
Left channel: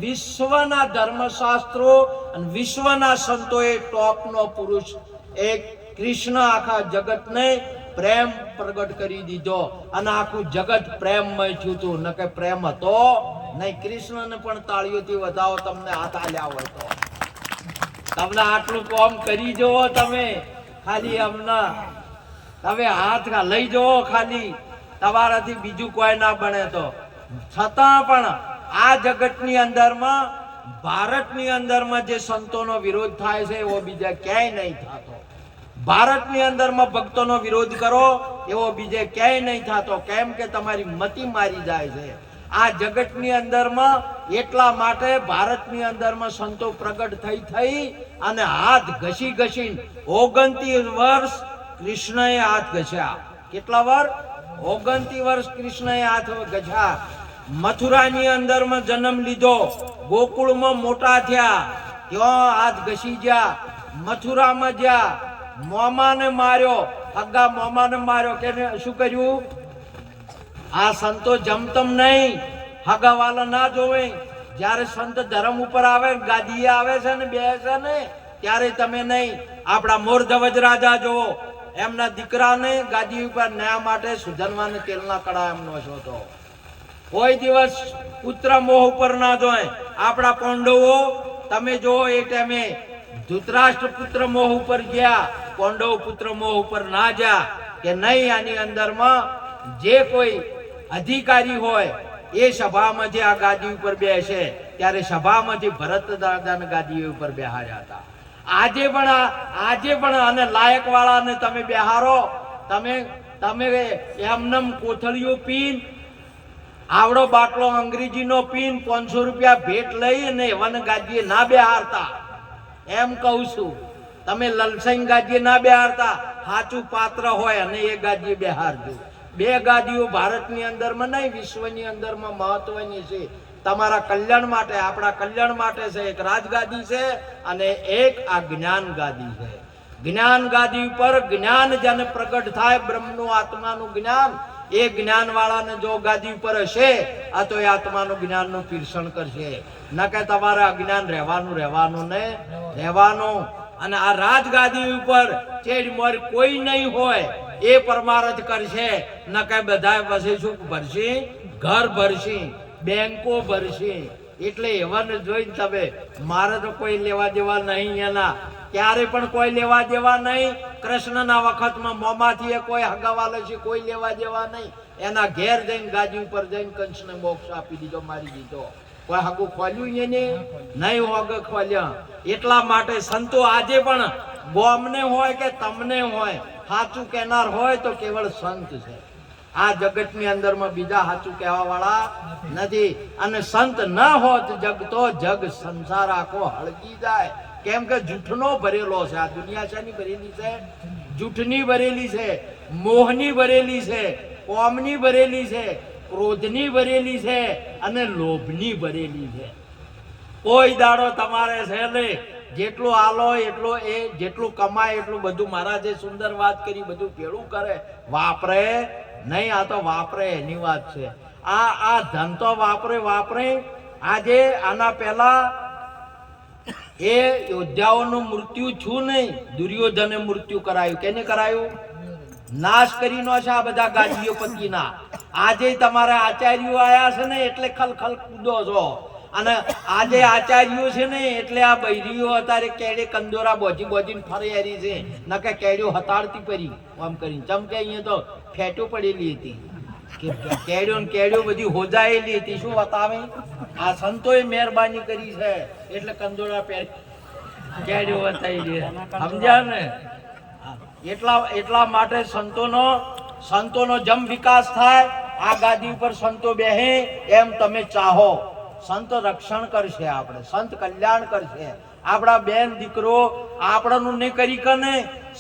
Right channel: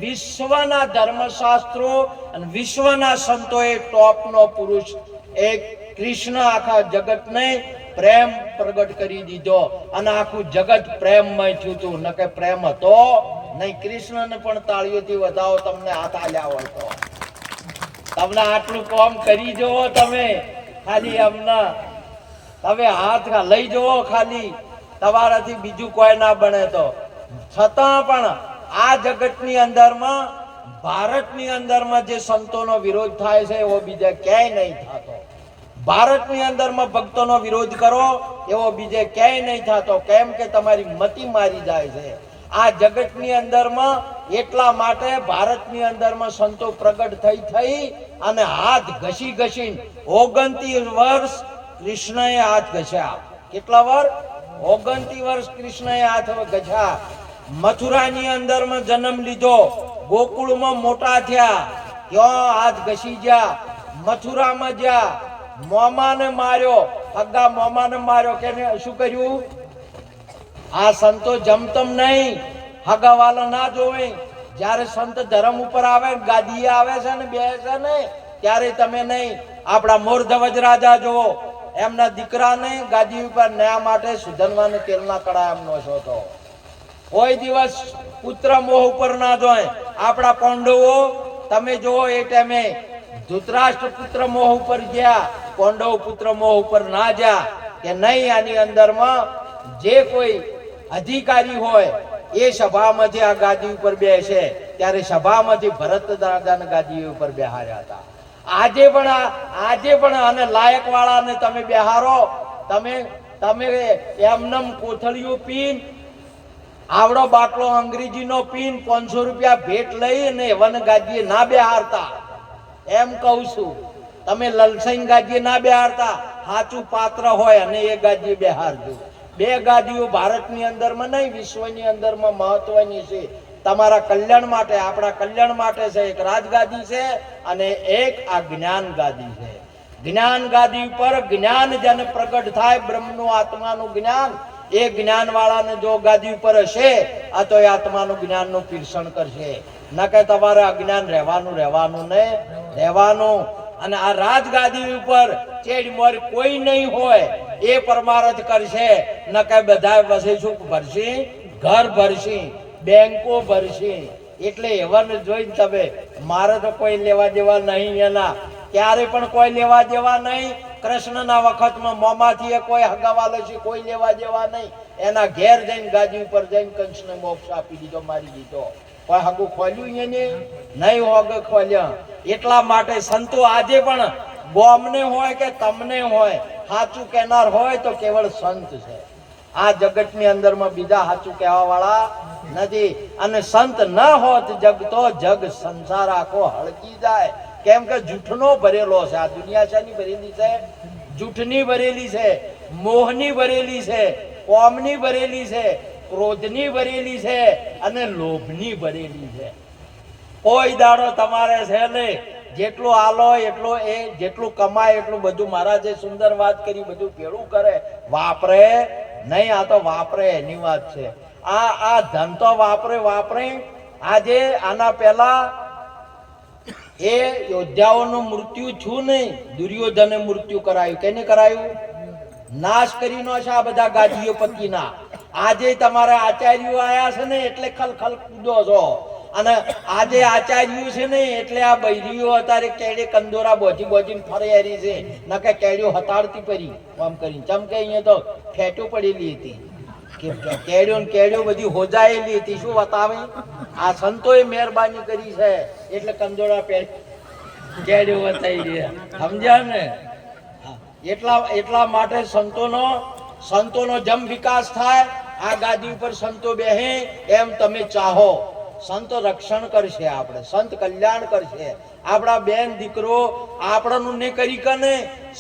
વિશ્વના ધર્મશાસ્ત્રો અને વિશ્વના સંતોએ ટોપનો પુરુષ એક કૃષ્ણ આખા જગતને પ્રેમ પ્રગટ કરી દીધો અને આખું જગત પ્રેમમય થયું હતું. ન કે પ્રેમ હતો નહીં. કૃષ્ણને પણ તાળીઓથી વધાવો તમને હાથ આલ્યા હોય તો. તમને આટલું કામ કરી જુઓ, તમે ખાલી હમણાં તમે હાથ લઈ જુઓ, ખાલી તમારાથી બીજું કોઈ ના બને તો. છતાં પણ આ જગતની અંદરમાં ભારતની અંદરમાં જે સંતોનો વિરોધ થાય છે એવો બીજા ક્યાંય નહીં થતો. ભારતની અંદરમાં ભક્તોનો વિરોધ કરો એવો બીજે ક્યાંય નહીં થતો. કેમ કે તમારી મતિ મારી જાય છે. આ જગતની અંદરમાં એટલા માટે ભારતની અંદરમાં સંતો પ્રગટ થઈ અને હાથ ઘસી 29 વર્ષ કૃષ્ણએ હાથ ઘસ્યા. કેટલા વર્ષ? 29 વર્ષ કૃષ્ણએ હાથ ઘસ્યા. મથુરાની અંદરમાં જન્મ લીધો, ગોકુળમાં મોટા થયા, ત્યાં હાથ ઘસી ગયા. મથુરામાં ગયા, મોમાને માર્યો, હગા મોમાને માર્યો. કે શું કર્યું? આ સંતો જમતમ નહીં, હગાવાલા ના જોવે. જ્યારે સંત ધર્મ ઉપર આવે, ગાદીએ આવે છે ને બેસે ને, ત્યારે તમે નહીં. આપણા મોરધવજ રાજા જુઓ, એમના દીકરાને ગાદી ઉપર ન્યા માટે સુધનવાને તેલના કડા એમનો હતો. કોઈ દિવસ પુત્ર મોહ ઉપર ના જોય. આપણા પાંડવો તમે જુઓ, એ ટાઈમે ધૃતરાષ્ટ્ર પુત્ર મોહ ઉપર ગયા, પાંડવ પુત્ર મોહ ઉપર ના ગયા કે નહીં. આની અંદરમાં જે કોઈ અધિકારી હોય એ સભામાંથી આ ગાદી ઉપર બેસે, ત્યારે સભામાંથી ભરત દાદાને ગાદી ઉપર બેહાર્યા હતા. આજે પણ આને લાયક વાળાને તમે બેહારો, તમે એમનેમ કોથળીઓ પીન, આવડો બાટલો અંગ્રેજીનો પીન 500 રૂપિયા ભેટ લઈ અને વન ગાદીએ ના બેહારતા. એમ કહું છું, તમે લલસાઈ ગાદીએ ના બેહારતા. સાચું પાત્ર હોય અને એ ગાદીએ બેહારજો. બે ગાદીઓ ભારતની અંદરમાં નહીં, વિશ્વની અંદરમાં મહત્વની છે. તમારા કલ્યાણ માટે, આપણા કલ્યાણ માટે છે. એક રાજગાદી છે અને એક આ જ્ઞાન ગાદી છે. જ્ઞાન ગાદી ઉપર જ્ઞાન જેને પ્રગટ થાય, બ્રહ્મનું આત્માનું જ્ઞાન, એ જ્ઞાન વાળાને જો ગાદી ઉપર હશે, આ તો એ આત્માનું જ્ઞાનનું પીરસણ કરશે. ન કે તમારે અજ્ઞાન રહેવાનું ને રહેવાનું. અને આ રાજગાદી ઉપર ચેડમોર કોઈ નહીં હોય, એ પરમારથ કરશે. ન કે બધા વસેશું ભરશે, ઘર ભરશે, બેંકો ભરશે. એટલે એવાને જોઈને તમે, મારે તો કોઈ લેવા દેવા નહીં એના, ત્યારે પણ કોઈ લેવા દેવા નહીં. કૃષ્ણના વખતમાં મોમાંથી કોઈ હગાવાલો છે, કોઈ લેવા દેવા નહીં. એના ઘેર જઈને ગાદી ઉપર જઈને કંસને મોક્ષ આપી દીધો, મારી દીધો. કોઈ હગું ખોલ્યું એને નહીં, હોગે ખોલ્યા. એટલા માટે સંતો આજે પણ ગોમને હોય કે તમને હોય, સાચું કહેનાર હોય તો કેવળ સંત છે. આ જગતની અંદરમાં બીજા સાચું કહેવા વાળા નથી. અને સંત ન હોત જગ તો જગ સંસાર આખો હળગી જાય. કેમ કે જૂઠનો ભરેલો છે આ દુનિયા. શાની ભરેલી છે? જૂઠની ભરેલી છે, મોહની ભરેલી છે, કોમની ભરેલી છે, ક્રોધની ભરેલી છે અને લોભની ભરેલી છે. કોઈ દાડો તમારે છે ને જેટલો આલો એટલો, એ જેટલું કમાય એટલું બધું, મારા જે સુંદર વાત કરી બધું ભેળું કરે, વાપરે નહીં. આ તો વાપરે એની વાત છે. આ ધન તો વાપરે. આજે આના પહેલા એ યોદ્ધાઓનું મૃત્યુ છું નહીં, દુર્યોધને મૃત્યુ કરાયું. કેને કરાયું? નાશ કરી નો છે આ બધા ગાદીઓ પતિના. આજે તમારા આચાર્યો આયા છે ને એટલે ખલખલ કૂદો છો, અને આજે આચાર્યો છે ને એટલે આ બૈરીઓ અત્યારે કેડે કંદોરા બોજી બોજીને ફરે હરી છે, નકે કેડ્યો હતાડતી પડી આમ કરીને. ચમ કે અહીંયા તો ફેટો પડેલી હતી કે કેડ્યો ને કેડ્યો બધી હોજાયેલી હતી. શું બતાવે? આ સંતોએ મહેરબાની કરી છે એટલે કંદોરા કેડ્યો બતાવી રહ્યા, સમજ્યા ને? એટલા માટે સંતોનો જમ વિકાસ થાય, આ ગાદી ઉપર સંતો બેહે એમ તમે ચાહો. સંત રક્ષણ કરશે, આપણે સંત કલ્યાણ કરશે. આપણા બેન દીકરો આપણનું નહીં કરી કને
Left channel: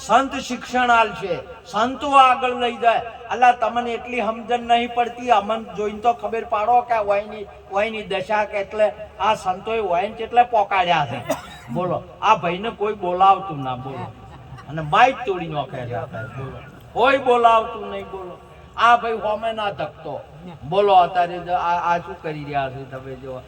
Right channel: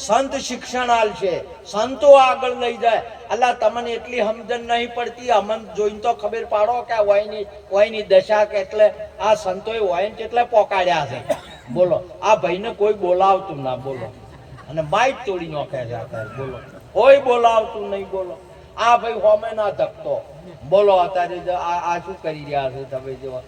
સંત શિક્ષણ આલશે, સંતો આગળ લઈ જાય. અલ્લા તમને એટલી સમજણ નહીં પડતી, અમન જોઈને તો ખબર પાડો કે વયની દશા કે એટલે આ સંતોએ વયન કેટલે પોકાડ્યા છે. બોલો, આ ભાઈને કોઈ બોલાવતું ના, બોલો, અને માઇક તોડી નાખે છે. બોલો, કોઈ બોલાવતું નહીં. બોલો, આ ભાઈ હોમે ના ધકતો. બોલો, અત્યારે આ શું કરી રહ્યા છે તમે? જો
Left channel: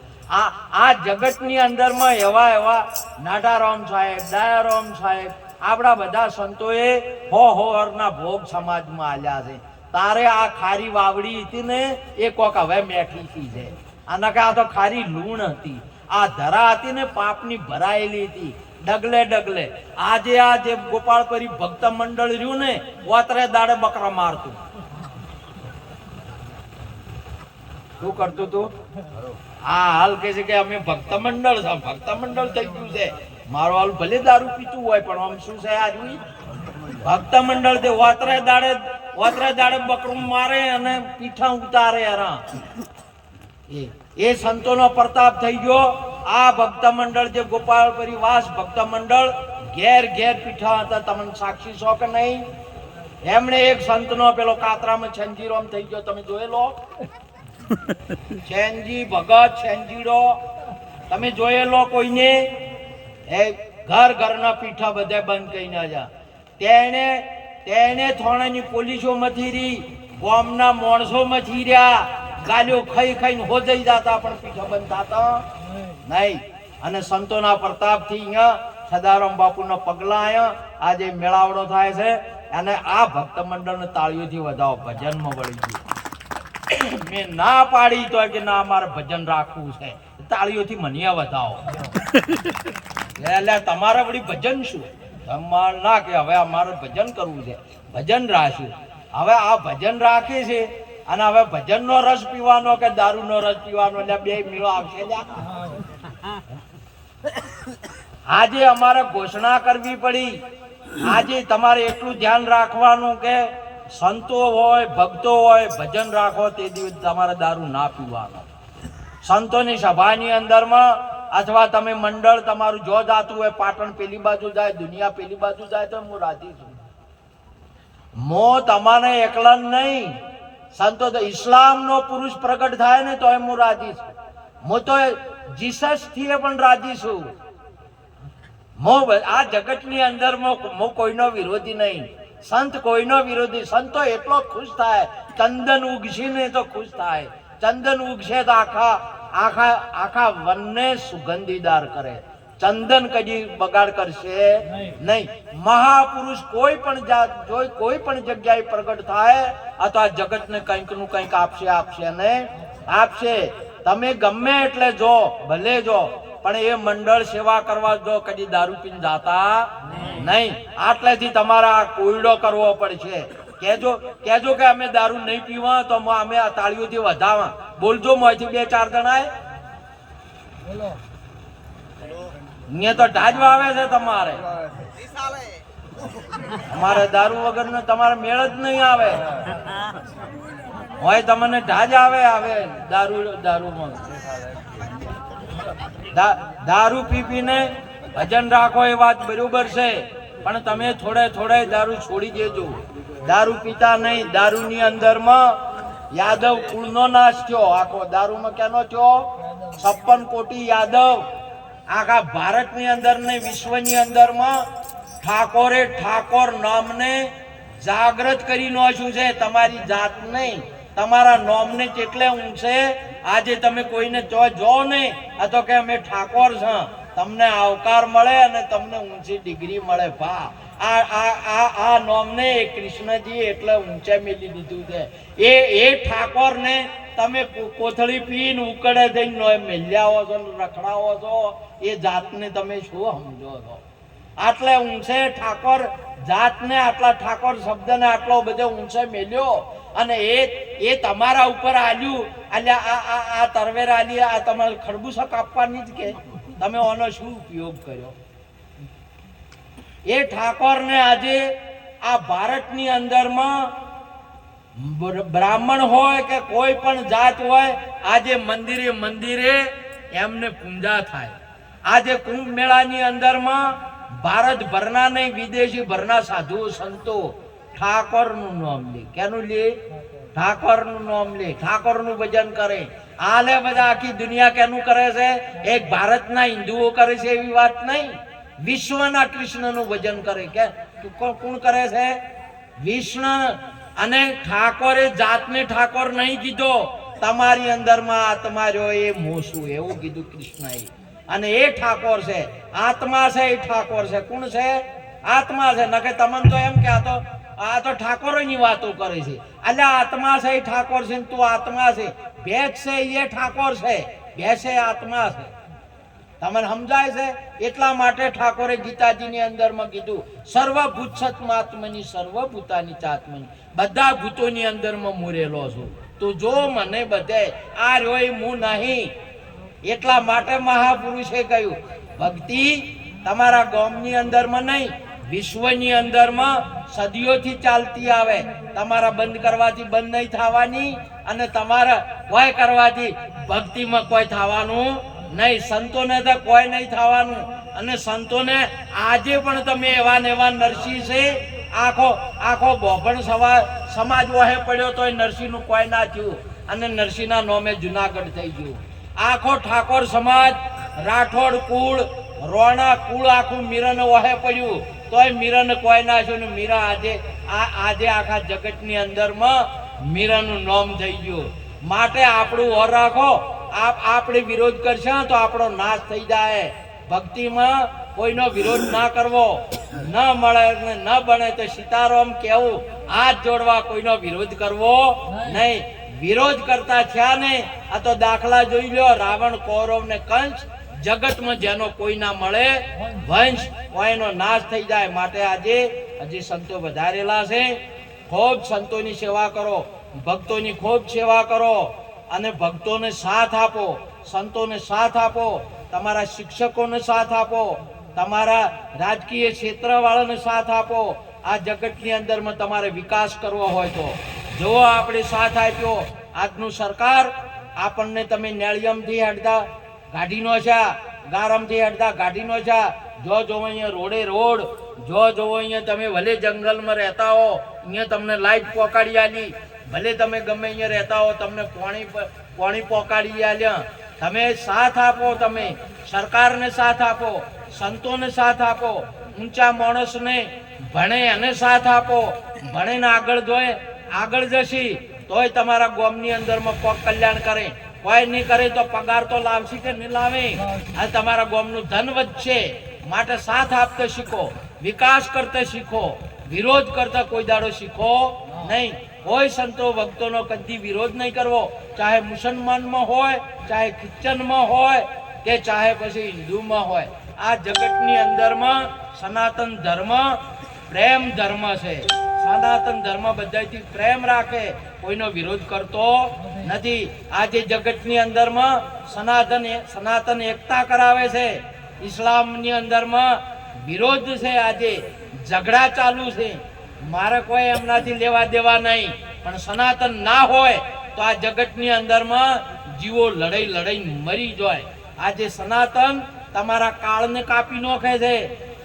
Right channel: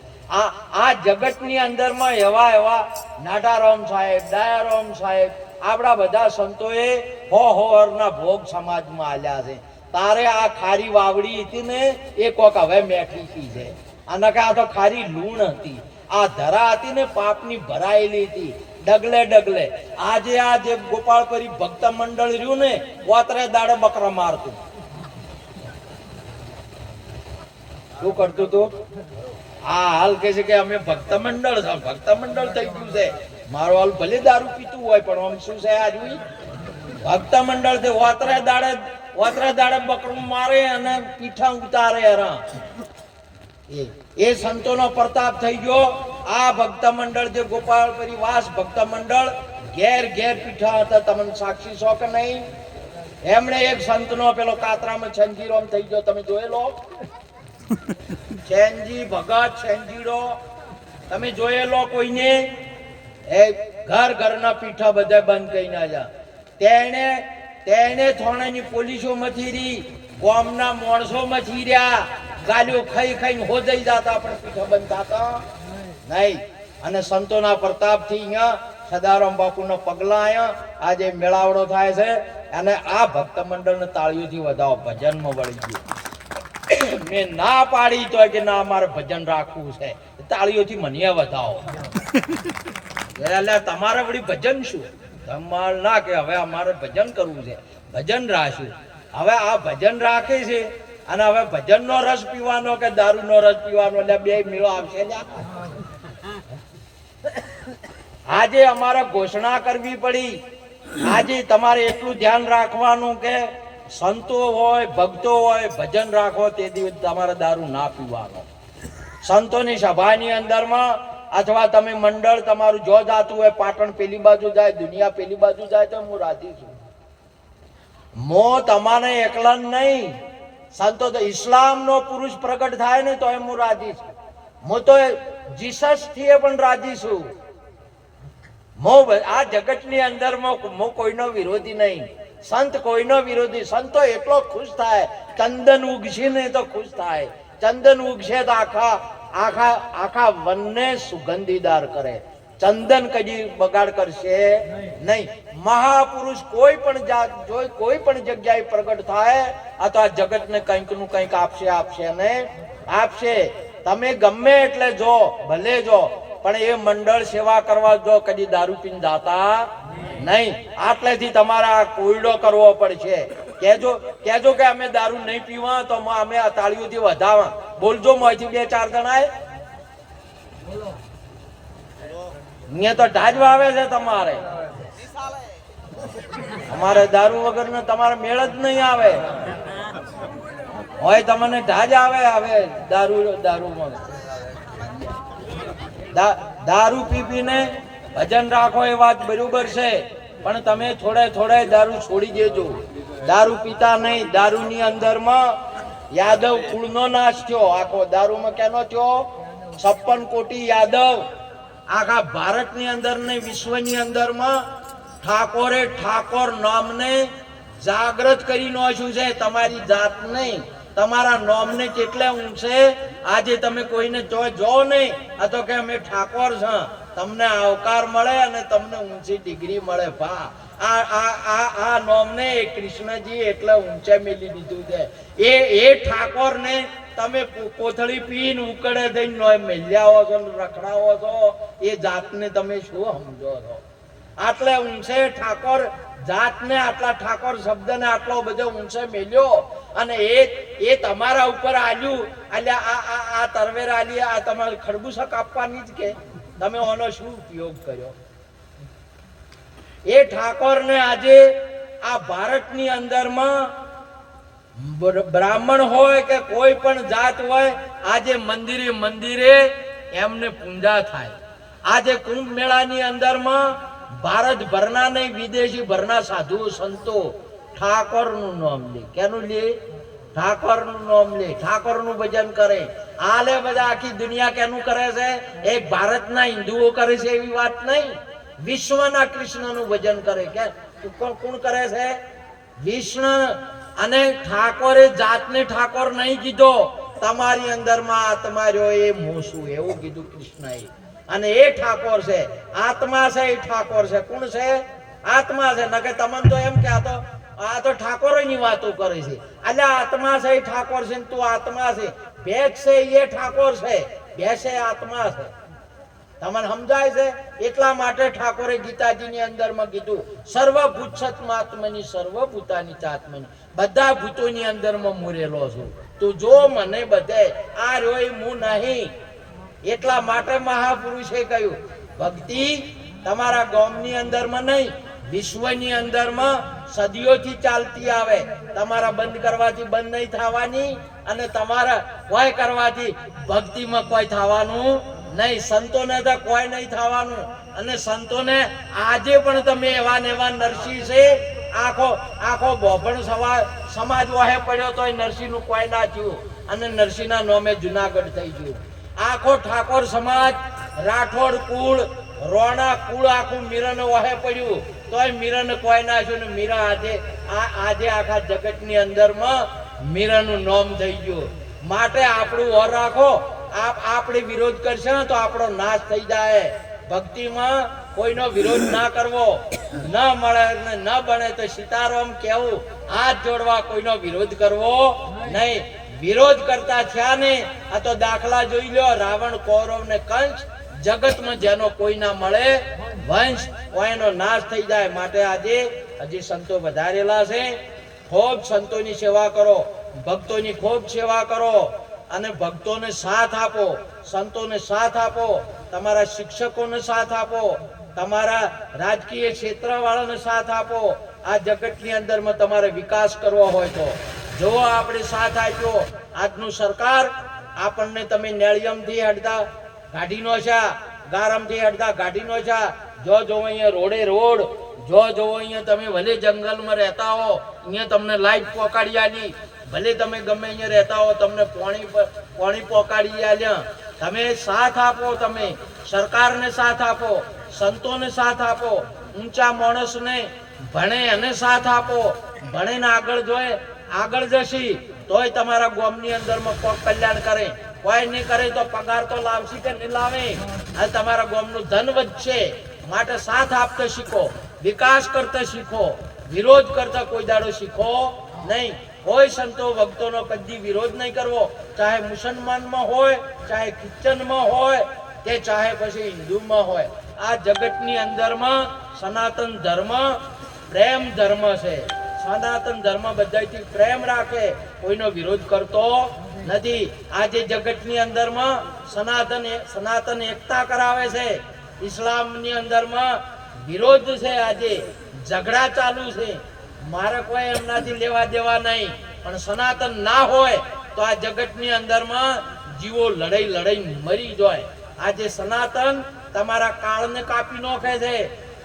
આ જગતની અંદરમાં એવા નાટારામ સાહેબ, દયારામ સાહેબ, આપણા બધા સંતોએ હોરના ભોગ સમાજમાં આલ્યા છે. તારે આ ખારી વાવડી હતી ને એ કોક હવે મેઠી છે, આના કે આ તો ખારી લૂણ હતી. આ ધરા હતી ને પાપની ભરાયેલી હતી, ડગલે. આજે આ જે ગોપાળપુરી ભક્ત મંડળ રહ્યું ને, વાતરે દાડે બકરા મારતું. શું કરતું તું? આ હાલ કે છે કે અમે ભક્ત મંડળ છે, ભક્ત મંડળ થઈ ગયું છે. મારો હાલ ભલે દારૂ પીતું હોય પણ આમ શું છે આજ ભક્ત મંડળ છે. વાતરે દાડે બકરું મારે અને પીઠા ઉતારે. એ સંતોનો પ્રતાપ થઈ ગયો. આ ભક્ત મંડળ જે ગોપાળપુરી વાસ ભક્ત મંડળ ઘેર પીઠા હતા. તમને સાક્ષી છો કે નહીં? એમણે એક સંતનો પેલો કાતરામાં છંજીરો થઈ ગયો, તમે જોયેલો? છેનજી ભગત છેનજીડો તમે જોયેલો કોઈને? એ ઘરના પીઠા બધા બંધ કરી ના જા. તેને થોડાની પોલીસો મથી રહી, ગામના માણસો મથી રહ્યા, ગાલીઓ ખાઈને હોજાઈ જતા પણ પીઠા બંધ થતા નહીં. અને સંતોના પ્રતાપથી અહીંયા સદારામ બાપુના પગલા આયા આજે મેળાવડો થાય છે. અને આ ભક્ત મંડળને તાળીઓથી વધાવો, ભજનમાં વળી ગયું. મેં ના પાડી તો કે ના અમારે ભજન રાખવું છે, તાળીઓથી મને વધાવો. એટલે તમારે વળી ભજન શું? તમારે ના કે હવે અમારે ભજન કરવું છે, ભજન રાખ્યું. હવે આ ભજન રાખે છે અને હવે ભજનનો રસ પીવાનો કે દારૂનો રસ પીવાનો, એટલે બે મેળો આવશે. આજે અમારે ઘોષણા કરવી પડી. આજે તમારે એટલું ધ્યાન રાખવાનું કે સંતો હોય, ભક્તો હોય, ભજન રાખો તે દિવસ તમારે દારૂ ના પીવાનો. સંતોની સભાની અંદરમાં અથવા તમે મંડળ તમારું જો જાતું હોય, પાટણ પેલી બાજુ જાય, દુનિયા પેલી બાજુ જાય, તો હું રાજી છું. મો તમારે એકલા નહીં, સંતો તો ઇસ્લામનો પુરુષ પ્રગટ થાય ને તો હું રાજી છું. હું તો જીસસ થી પણ રાજી છું. આ જગતની અંદરમાં હું કોઈનો વિરોધી નહીં, સંત કોઈનો વિરોધી. સંતો એટલો ખુશ થાય, ચંદન ઉગશે ને તો ખુશ થાય. ચંદન ઉગશે તો આખા વનને સુગંધીદાર કરે. ચંદન કદી બગાડ કરશે નહીં. મહાપુરુષ કોઈ પણ જગ્યાએ પ્રગટ થાય અથવા આ જગતને કંઈક નું કંઈક આપશે ને આપશે. તમે ગમે એટલે જો, ભલે જો, પણ એ મંડળ સેવા કરવા જો કદી દારૂ પીને જાતા નહીં. આટલેથી તમારે આ કોયડો કરવો પડશે. કેજો કે અમે દારૂ નહીં પીવા તો અમે આ તાળીઓથી વધાવા. બોલજો મોંથી 2-4 જણાએ. અહીંયા તો ઢાજવા આવે છે તમારે. અમારે દારૂ વગર ને તમારે મેળ જ નહીં આવે. હોય તમને ઢાજ આવે દારૂમાં. દારૂ પીને ભજન રાખો એ વાત બરોબર છે, પણ તમે થોડે દારૂ છોડી દેજો. દારૂ પીતા નહીં. દારૂની અંદરમાં યાદવ કુળનો નાશ થયો. આખો દારૂમાં કેનો થયો? 56 કોટી યાદવ આખા ભારતની અંદર ને વિશ્વની અંદરમાં ઠાકોર નામને જાગૃત કરી નાખ્યું છે. તમારી જાત નહીં, તમારા નોમને કેટલે ઊંચે. આજે તમે કોઈને જો ને આ તો કે અમે ઠાકોર છે, તમને આવકાર મળે અને તમને ઊંચી ડિગ્રી મળે. ભા આ નોમને કૃષ્ણજી એટલે ઊંચે મેલી દીધું છે. એ ઠાકોરને તમે કોથળી પીને ઉકળે થઈને નો મેલ્યાઓ છો ને રખડાવો છો, એ જાતને તમે શું સમજો છો? આટલે ઊંચે ઠાકોર જાતને, આટલા ઠાકોર શબ્દને આટલો બધો ઊંચે મેલ્યો અને એ તમારા ઉપર આલ્યું. અલ્યા આ તરવેર આલી, આ તમારે ખરબૂસા કાપવાની જ કે તમે આનો શું ઉપયોગ કર્યો? એ ઠાકોરને આજે આ ભારતની અંદરમાં બ્રાહ્મણ હોય કે કોઈ પણ જાત હોય, આજે મંદિરે મંદિરે એમને પૂજા થાય. આજે કુંભ મેળાની અંદરમાં ભારતભરના નહીં, વિદેશી ભરના સાધુ સંતો ઠાકોરનું નામ લે. કેનું લે? ઠાકોરનું નામ લે, ઠાકોરનું ભજન કરે. હાલે બધા આખી દુનિયા કેનું કરે છે? એક ભારતના હિન્દુઓ કરે છે એવી વાત નહીં, વિશ્વના કૃષ્ણનું ભજન કરે. કે કોણ કરે છે? વિષ્ણુ. અને ઠાકોરે જાતને ઠાકોર નહીં કીધો, તમારી અંદરમાં આત્મા જો એ મોસું, એવું કીધું કૃષ્ણએ. અને એ ઠાકોર છે, આત્મા છે, એ ઠાકોર છે. કોણ છે? આત્મા છે. નકે તમને તો એમ કે આ તો ઠાકોરોની વાતો કરે છે. અલ્યા આત્મા છે, એ ઠાકોર છે. તું આત્મા છે. ભેંસ છે એ ઠાકોર છે, ભેંસ એ આત્મા છે. તમને સમજાય છે? એટલા માટે ઠાકોરે ગીતાજીની અંદરમાં કીધું, સર્વભૂત સત્માત્મની સર્વભૂતાની ચાત્મની, બધા ભૂતોની અંદરમાં મૂરેલો છું. તો જો મને બધે આ રોય હું નહીં. એટલા માટે મહાપુરુષે કહ્યું, ભક્તિ તમારા ગામની અંદરમાં નહીં, વિશ્વની અંદરમાં સદીઓથી ચાલતી આવે. તમારા બંધ કરવાથી બંધ નહીં થવાની, અને તમારા કોઈ કરવાથી ભક્તિમાં કોઈ થવાનું નહીં. સંતોને તો કોઈ નહીં થવાનું. અને સંતોને આજે પણ તમે એવા ને એવા નરસિંહ છે, આખો બોભણ સમાજ વાહે પડ્યો તો નરસિંહનું કોઈ ના થયું. અને નરસિંહના નામે જુનાગઢ થઈ ગયું. આખો ઠાકોર સમાજ, રાઠોડ કુળ, રોણા કુળ આખું મીરાને વાહે પડ્યું તોય મીરાને કોઈ ના થયું. ને મીરા આજે આખા જગતની અંદરમાં મીરાનું નામ થઈ ગયું. માટે આપણું ઓર રાખો. આપણે વિરોધ કરશે તો આપણો નાશ થઈ જાય. ભક્તિમાં કોઈનો વિરોધ ના કરવો. ન મળે ન બને તો સીતારામ કેવું, હાથ જોડવા, કોઈનો વિરોધ કરવો નહીં. વિરોધ કરતા થયા ને આ તો દાખલા જોઈ લો, રાવણ, કૌરવ ને કંસ. જગતમાં જેનો કોઈ ના મળે વંશ, કોઈનો નાશ થઈ જાય. માટે આજે હજી સંતો વધારેલા છે. ખૂબ સંતોની સેવા કરો, ભક્તોની ખૂબ સેવા કરો, અને ભક્તોને સાથ આપો, સંતોને સાથ આપો, તમારા શિક્ષકોને સાથ આપો, તમારા રાજકીય ક્ષેત્રવાળાને સાથ આપો. આ જગતની અંદરમાં તમારે વિકાસ કરવો હોય તો જો આપણે સાથ આપ્યો. આજનું સરકાર આપણને તમે નેળિયમથી હડતા ગાડીનો છે, ગારમથી હડતા ગાડીનો છે. જો જોવો અહીંયા રોડે રોડ, જો જોવો અહીંયા તમે ભલે જંગલમાં રહેતા હો, અહીંયા તમને લાઈટ પહોંચાડી આલી. ભલે તમે ગમે અહીંયા રહેતા હો, તમને પાણી પહોંચાડી આલ્યા. તમે સાથ આપો, તમે સરકારને સાથ આપો, સંતોને સાથ આપો, ઊંચા માણસને ભણે એને સાથ આપો. ભણીને આગળ જશી તોય તમારા ગામની અંદરમાં કોક કલ્યાણ કરે. કોઈ નહીં કરે તો પગાર તો લાવશે કે નહીં લાવે. અને તમારા ગામનું ધન વધશે. માટે સાથ આપતા શીખો, વિકાસ કરતા શીખો, વિરોધ કરતા કોઈ દાડો શીખો નહીં. કોઈ સંતો ભક્તોનો કદી વિરોધ નહીં કરવો, ચાહે મુસલમાનમાં હોય, ચાહે ખ્રિશ્ચનમાં હોય, કે ચાહે પછી હિન્દુમાં હોય. આ જગતની અંદરમાં સનાતન ધર્મ પ્રેમ ધર્મ છે. સનાતન ધર્મ બધાથી પ્રેમ રાખે, કોઈનો વિરોધ કરતો નથી. આજે જગતની અંદરમાં સનાતન એકતા કરાવે છે. ઇસ્લામની અંદરમાં વિરોધ છે. આજે ઝઘડા ચાલુ છે. મારે કોઈ એમનાથી લેવા દેવા નહીં, પણ સનાતન ના હોય તો આ જગતની અંદરમાં જીવો લડાઈ મરી જાય. આજે સનાતન તમારા કાળને કાપી નાખે છે,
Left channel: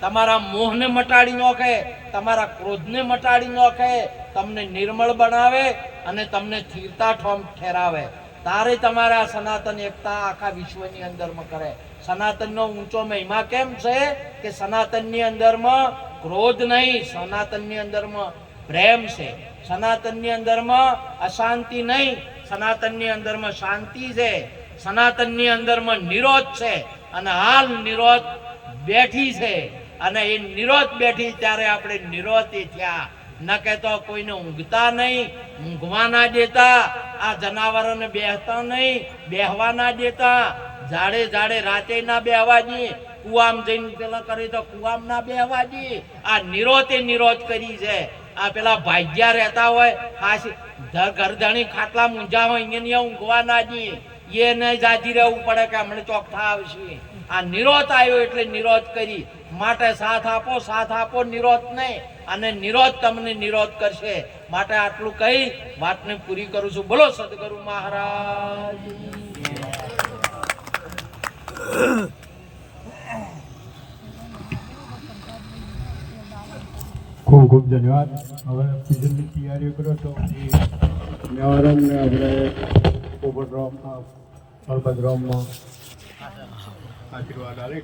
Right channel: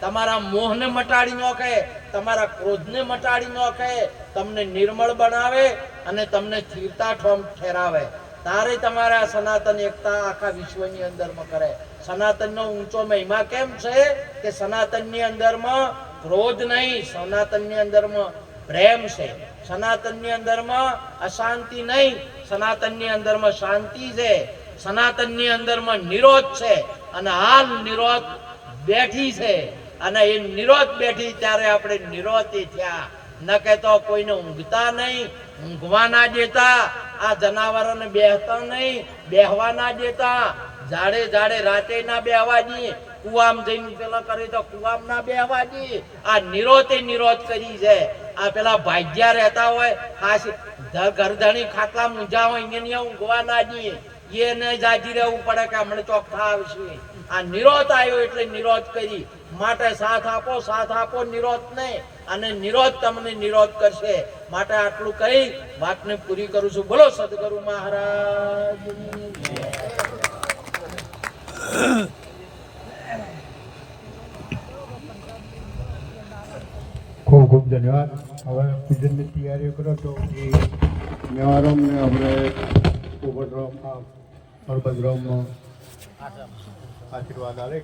તમારા મોહને મટાડી નાખે, તમારા ક્રોધને મટાડી નાખે, તમને નિર્મળ બનાવે અને તમને સ્થિરતા ઠેરાવે. તારે તમારા સનાતન એકતા આખા વિશ્વની અંદરમાં કરે. સનાતનનો ઊંચો મહિમા કેમ છે કે સનાતનની અંદરમાં ક્રોધ નહીં, સનાતનની અંદરમાં પ્રેમ છે. સનાતનની અંદરમાં અશાંતિ નહીં, સનાતનની અંદરમાં શાંતિ છે. સનાતનની અંદરમાં નિરોધ છે, અને હાલ નિરોધ બેઠી છે. અને એ નિરોધ બેઠી ત્યારે આપણે નિરોધી થયા. ન કે તો કોઈને ઊંઘતા નહીં, ઊંઘવા ના દેતા, આ જનાવરોને બેહતા નહીં, બેહવા ના દેતા, ઝાડે ઝાડે રાતે ના બેહવા દઈએ, કુવામ જઈને પેલા કરે તો કુવામ ના બેહવા દઈએ. આ નિરોધે નિરોધ કરી છે. આ પેલા ભાગ્યા રહેતા હોય, ખાસ ઘરધણી ખાટલા મૂંઝા હોય, એને ઊંઘવા ના દઈએ, એને જાજી રહેવું પડે કે હમણાં ચોખ્ખા આવશે. આ નિરોધ આવ્યો એટલે નિરોધ કરી. માટે સાથ આપો નિરોધ નહીં, અને નિરોધ તમને નિરોધ કરશે. માટે આટલું કહી વાતને પૂરી કરું છું. બોલો સદગુરુ મહારાજ. ખૂબ ખૂબ ધન્યવાદ. હવે પૂજનની તૈયારી કરો તો મેવારામને આપણે પોપટરામમાં હળપતરામમાં આશીર્વાદ આવે.